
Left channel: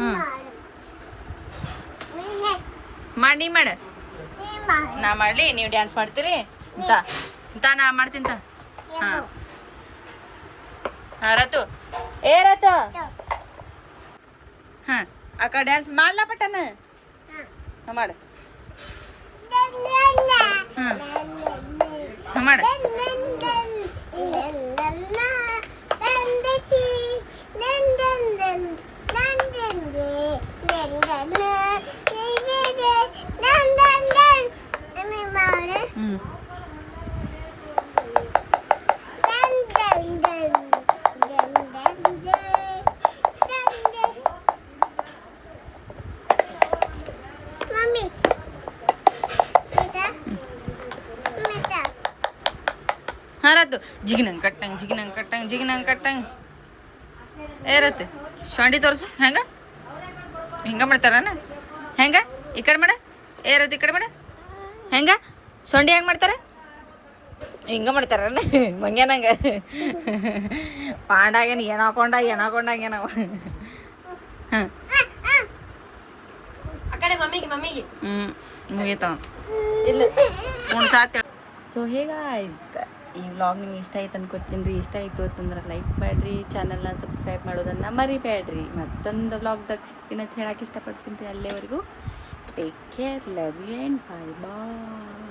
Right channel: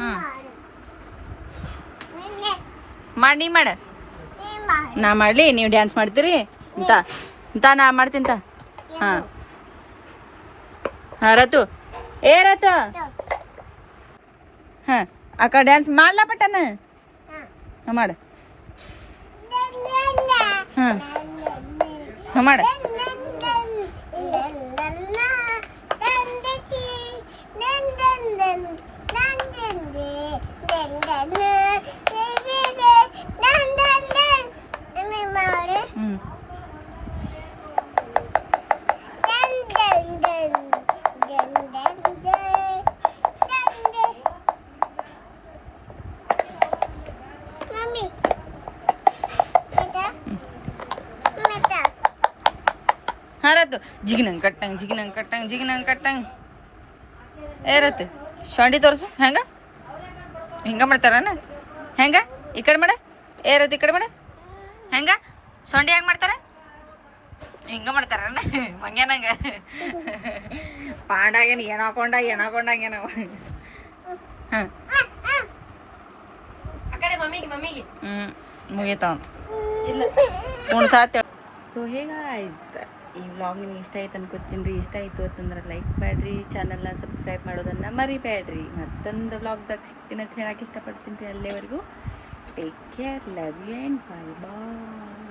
ಹಾಂ ಮಾಡಿ ನೀ ಮಾಡ ನಾ ಮಾಡಲಿ ನೀವು ಡ್ಯಾನ್ಸ್ ಮಾಡ್ತೀರಿ ಇಂತ ನಾ ಮಾಡ್ತೀನಿ ಹಾಂ ಹಾಂ ರತು ಏ ರತು ಹಾಂ ಅಕ್ಕ ಡ್ಯಾನ್ಸ್ ಮಾಡ್ಲಾ ಪಟ್ಟನ ಹಾಂ ಮಾಡ ಹಾಂ ಹಾಂ ಮಾಡ ಏರತ್ತು ಜಿಗಿನಂಗೆ ಕಟ್ಟಂಗೆ ಏರತ್ತು ಶೊಂಡಿ ತೋರಿಸು ಹೆಂಗೆ ಮಾಡ್ತಾರನ ಹೆಂಗೆ ಈ ಕಡೆ ಮಾಡ ಏರತ್ತು ಈ ಕಡೆ ಮಾಡ ಹೆಂಗೆ ಸೊಂಡಿ ಹೆಂಗೆ ಮಾಡ್ತಾರೆ ಹಿಂಗೆ ಮಾಡ್ತಾರನ ಮಂಗ್ಯಾನಂಗೆ ಪಾಂಡಾಗೇನು ಏನು ಹಾಕೊಂಡಾಗೇನವ ಹಾಂ ಮುಗೀತಾವ ಉಣ್ಸಾತ್. ಸೊ ಹೇಗಾಯ್ಸ್ ಈ ವ್ಲಾಗ್ ನಿಮಗೆ ಇಷ್ಟ ಆಯ್ತು ಅನ್ಕೋತೀನಿ ರೀ. ಇಷ್ಟ ಆಯಿತು ಅಂತಂದ್ರೆ ಲೈಕ್ ಮಾಡಿರಿ, ಚಾನಲ್ನ ಸಬ್ಸ್ಕ್ರೈಬ್ ಮಾಡೋದನ್ನು ಮರಿಬೇಡ್ರಿ. ಮತ್ತೊಂದು ವ್ಲಾಗ್ದಾಗ ಸಿಗ್ತೀನಿ ಅಂತ ಹೇಳಕ್ಕೆ ಇಷ್ಟಪಡ್ತೀನಿ ರೀ. ಅಲ್ಲಿವರೆಗೂ take care, love you and bye bye.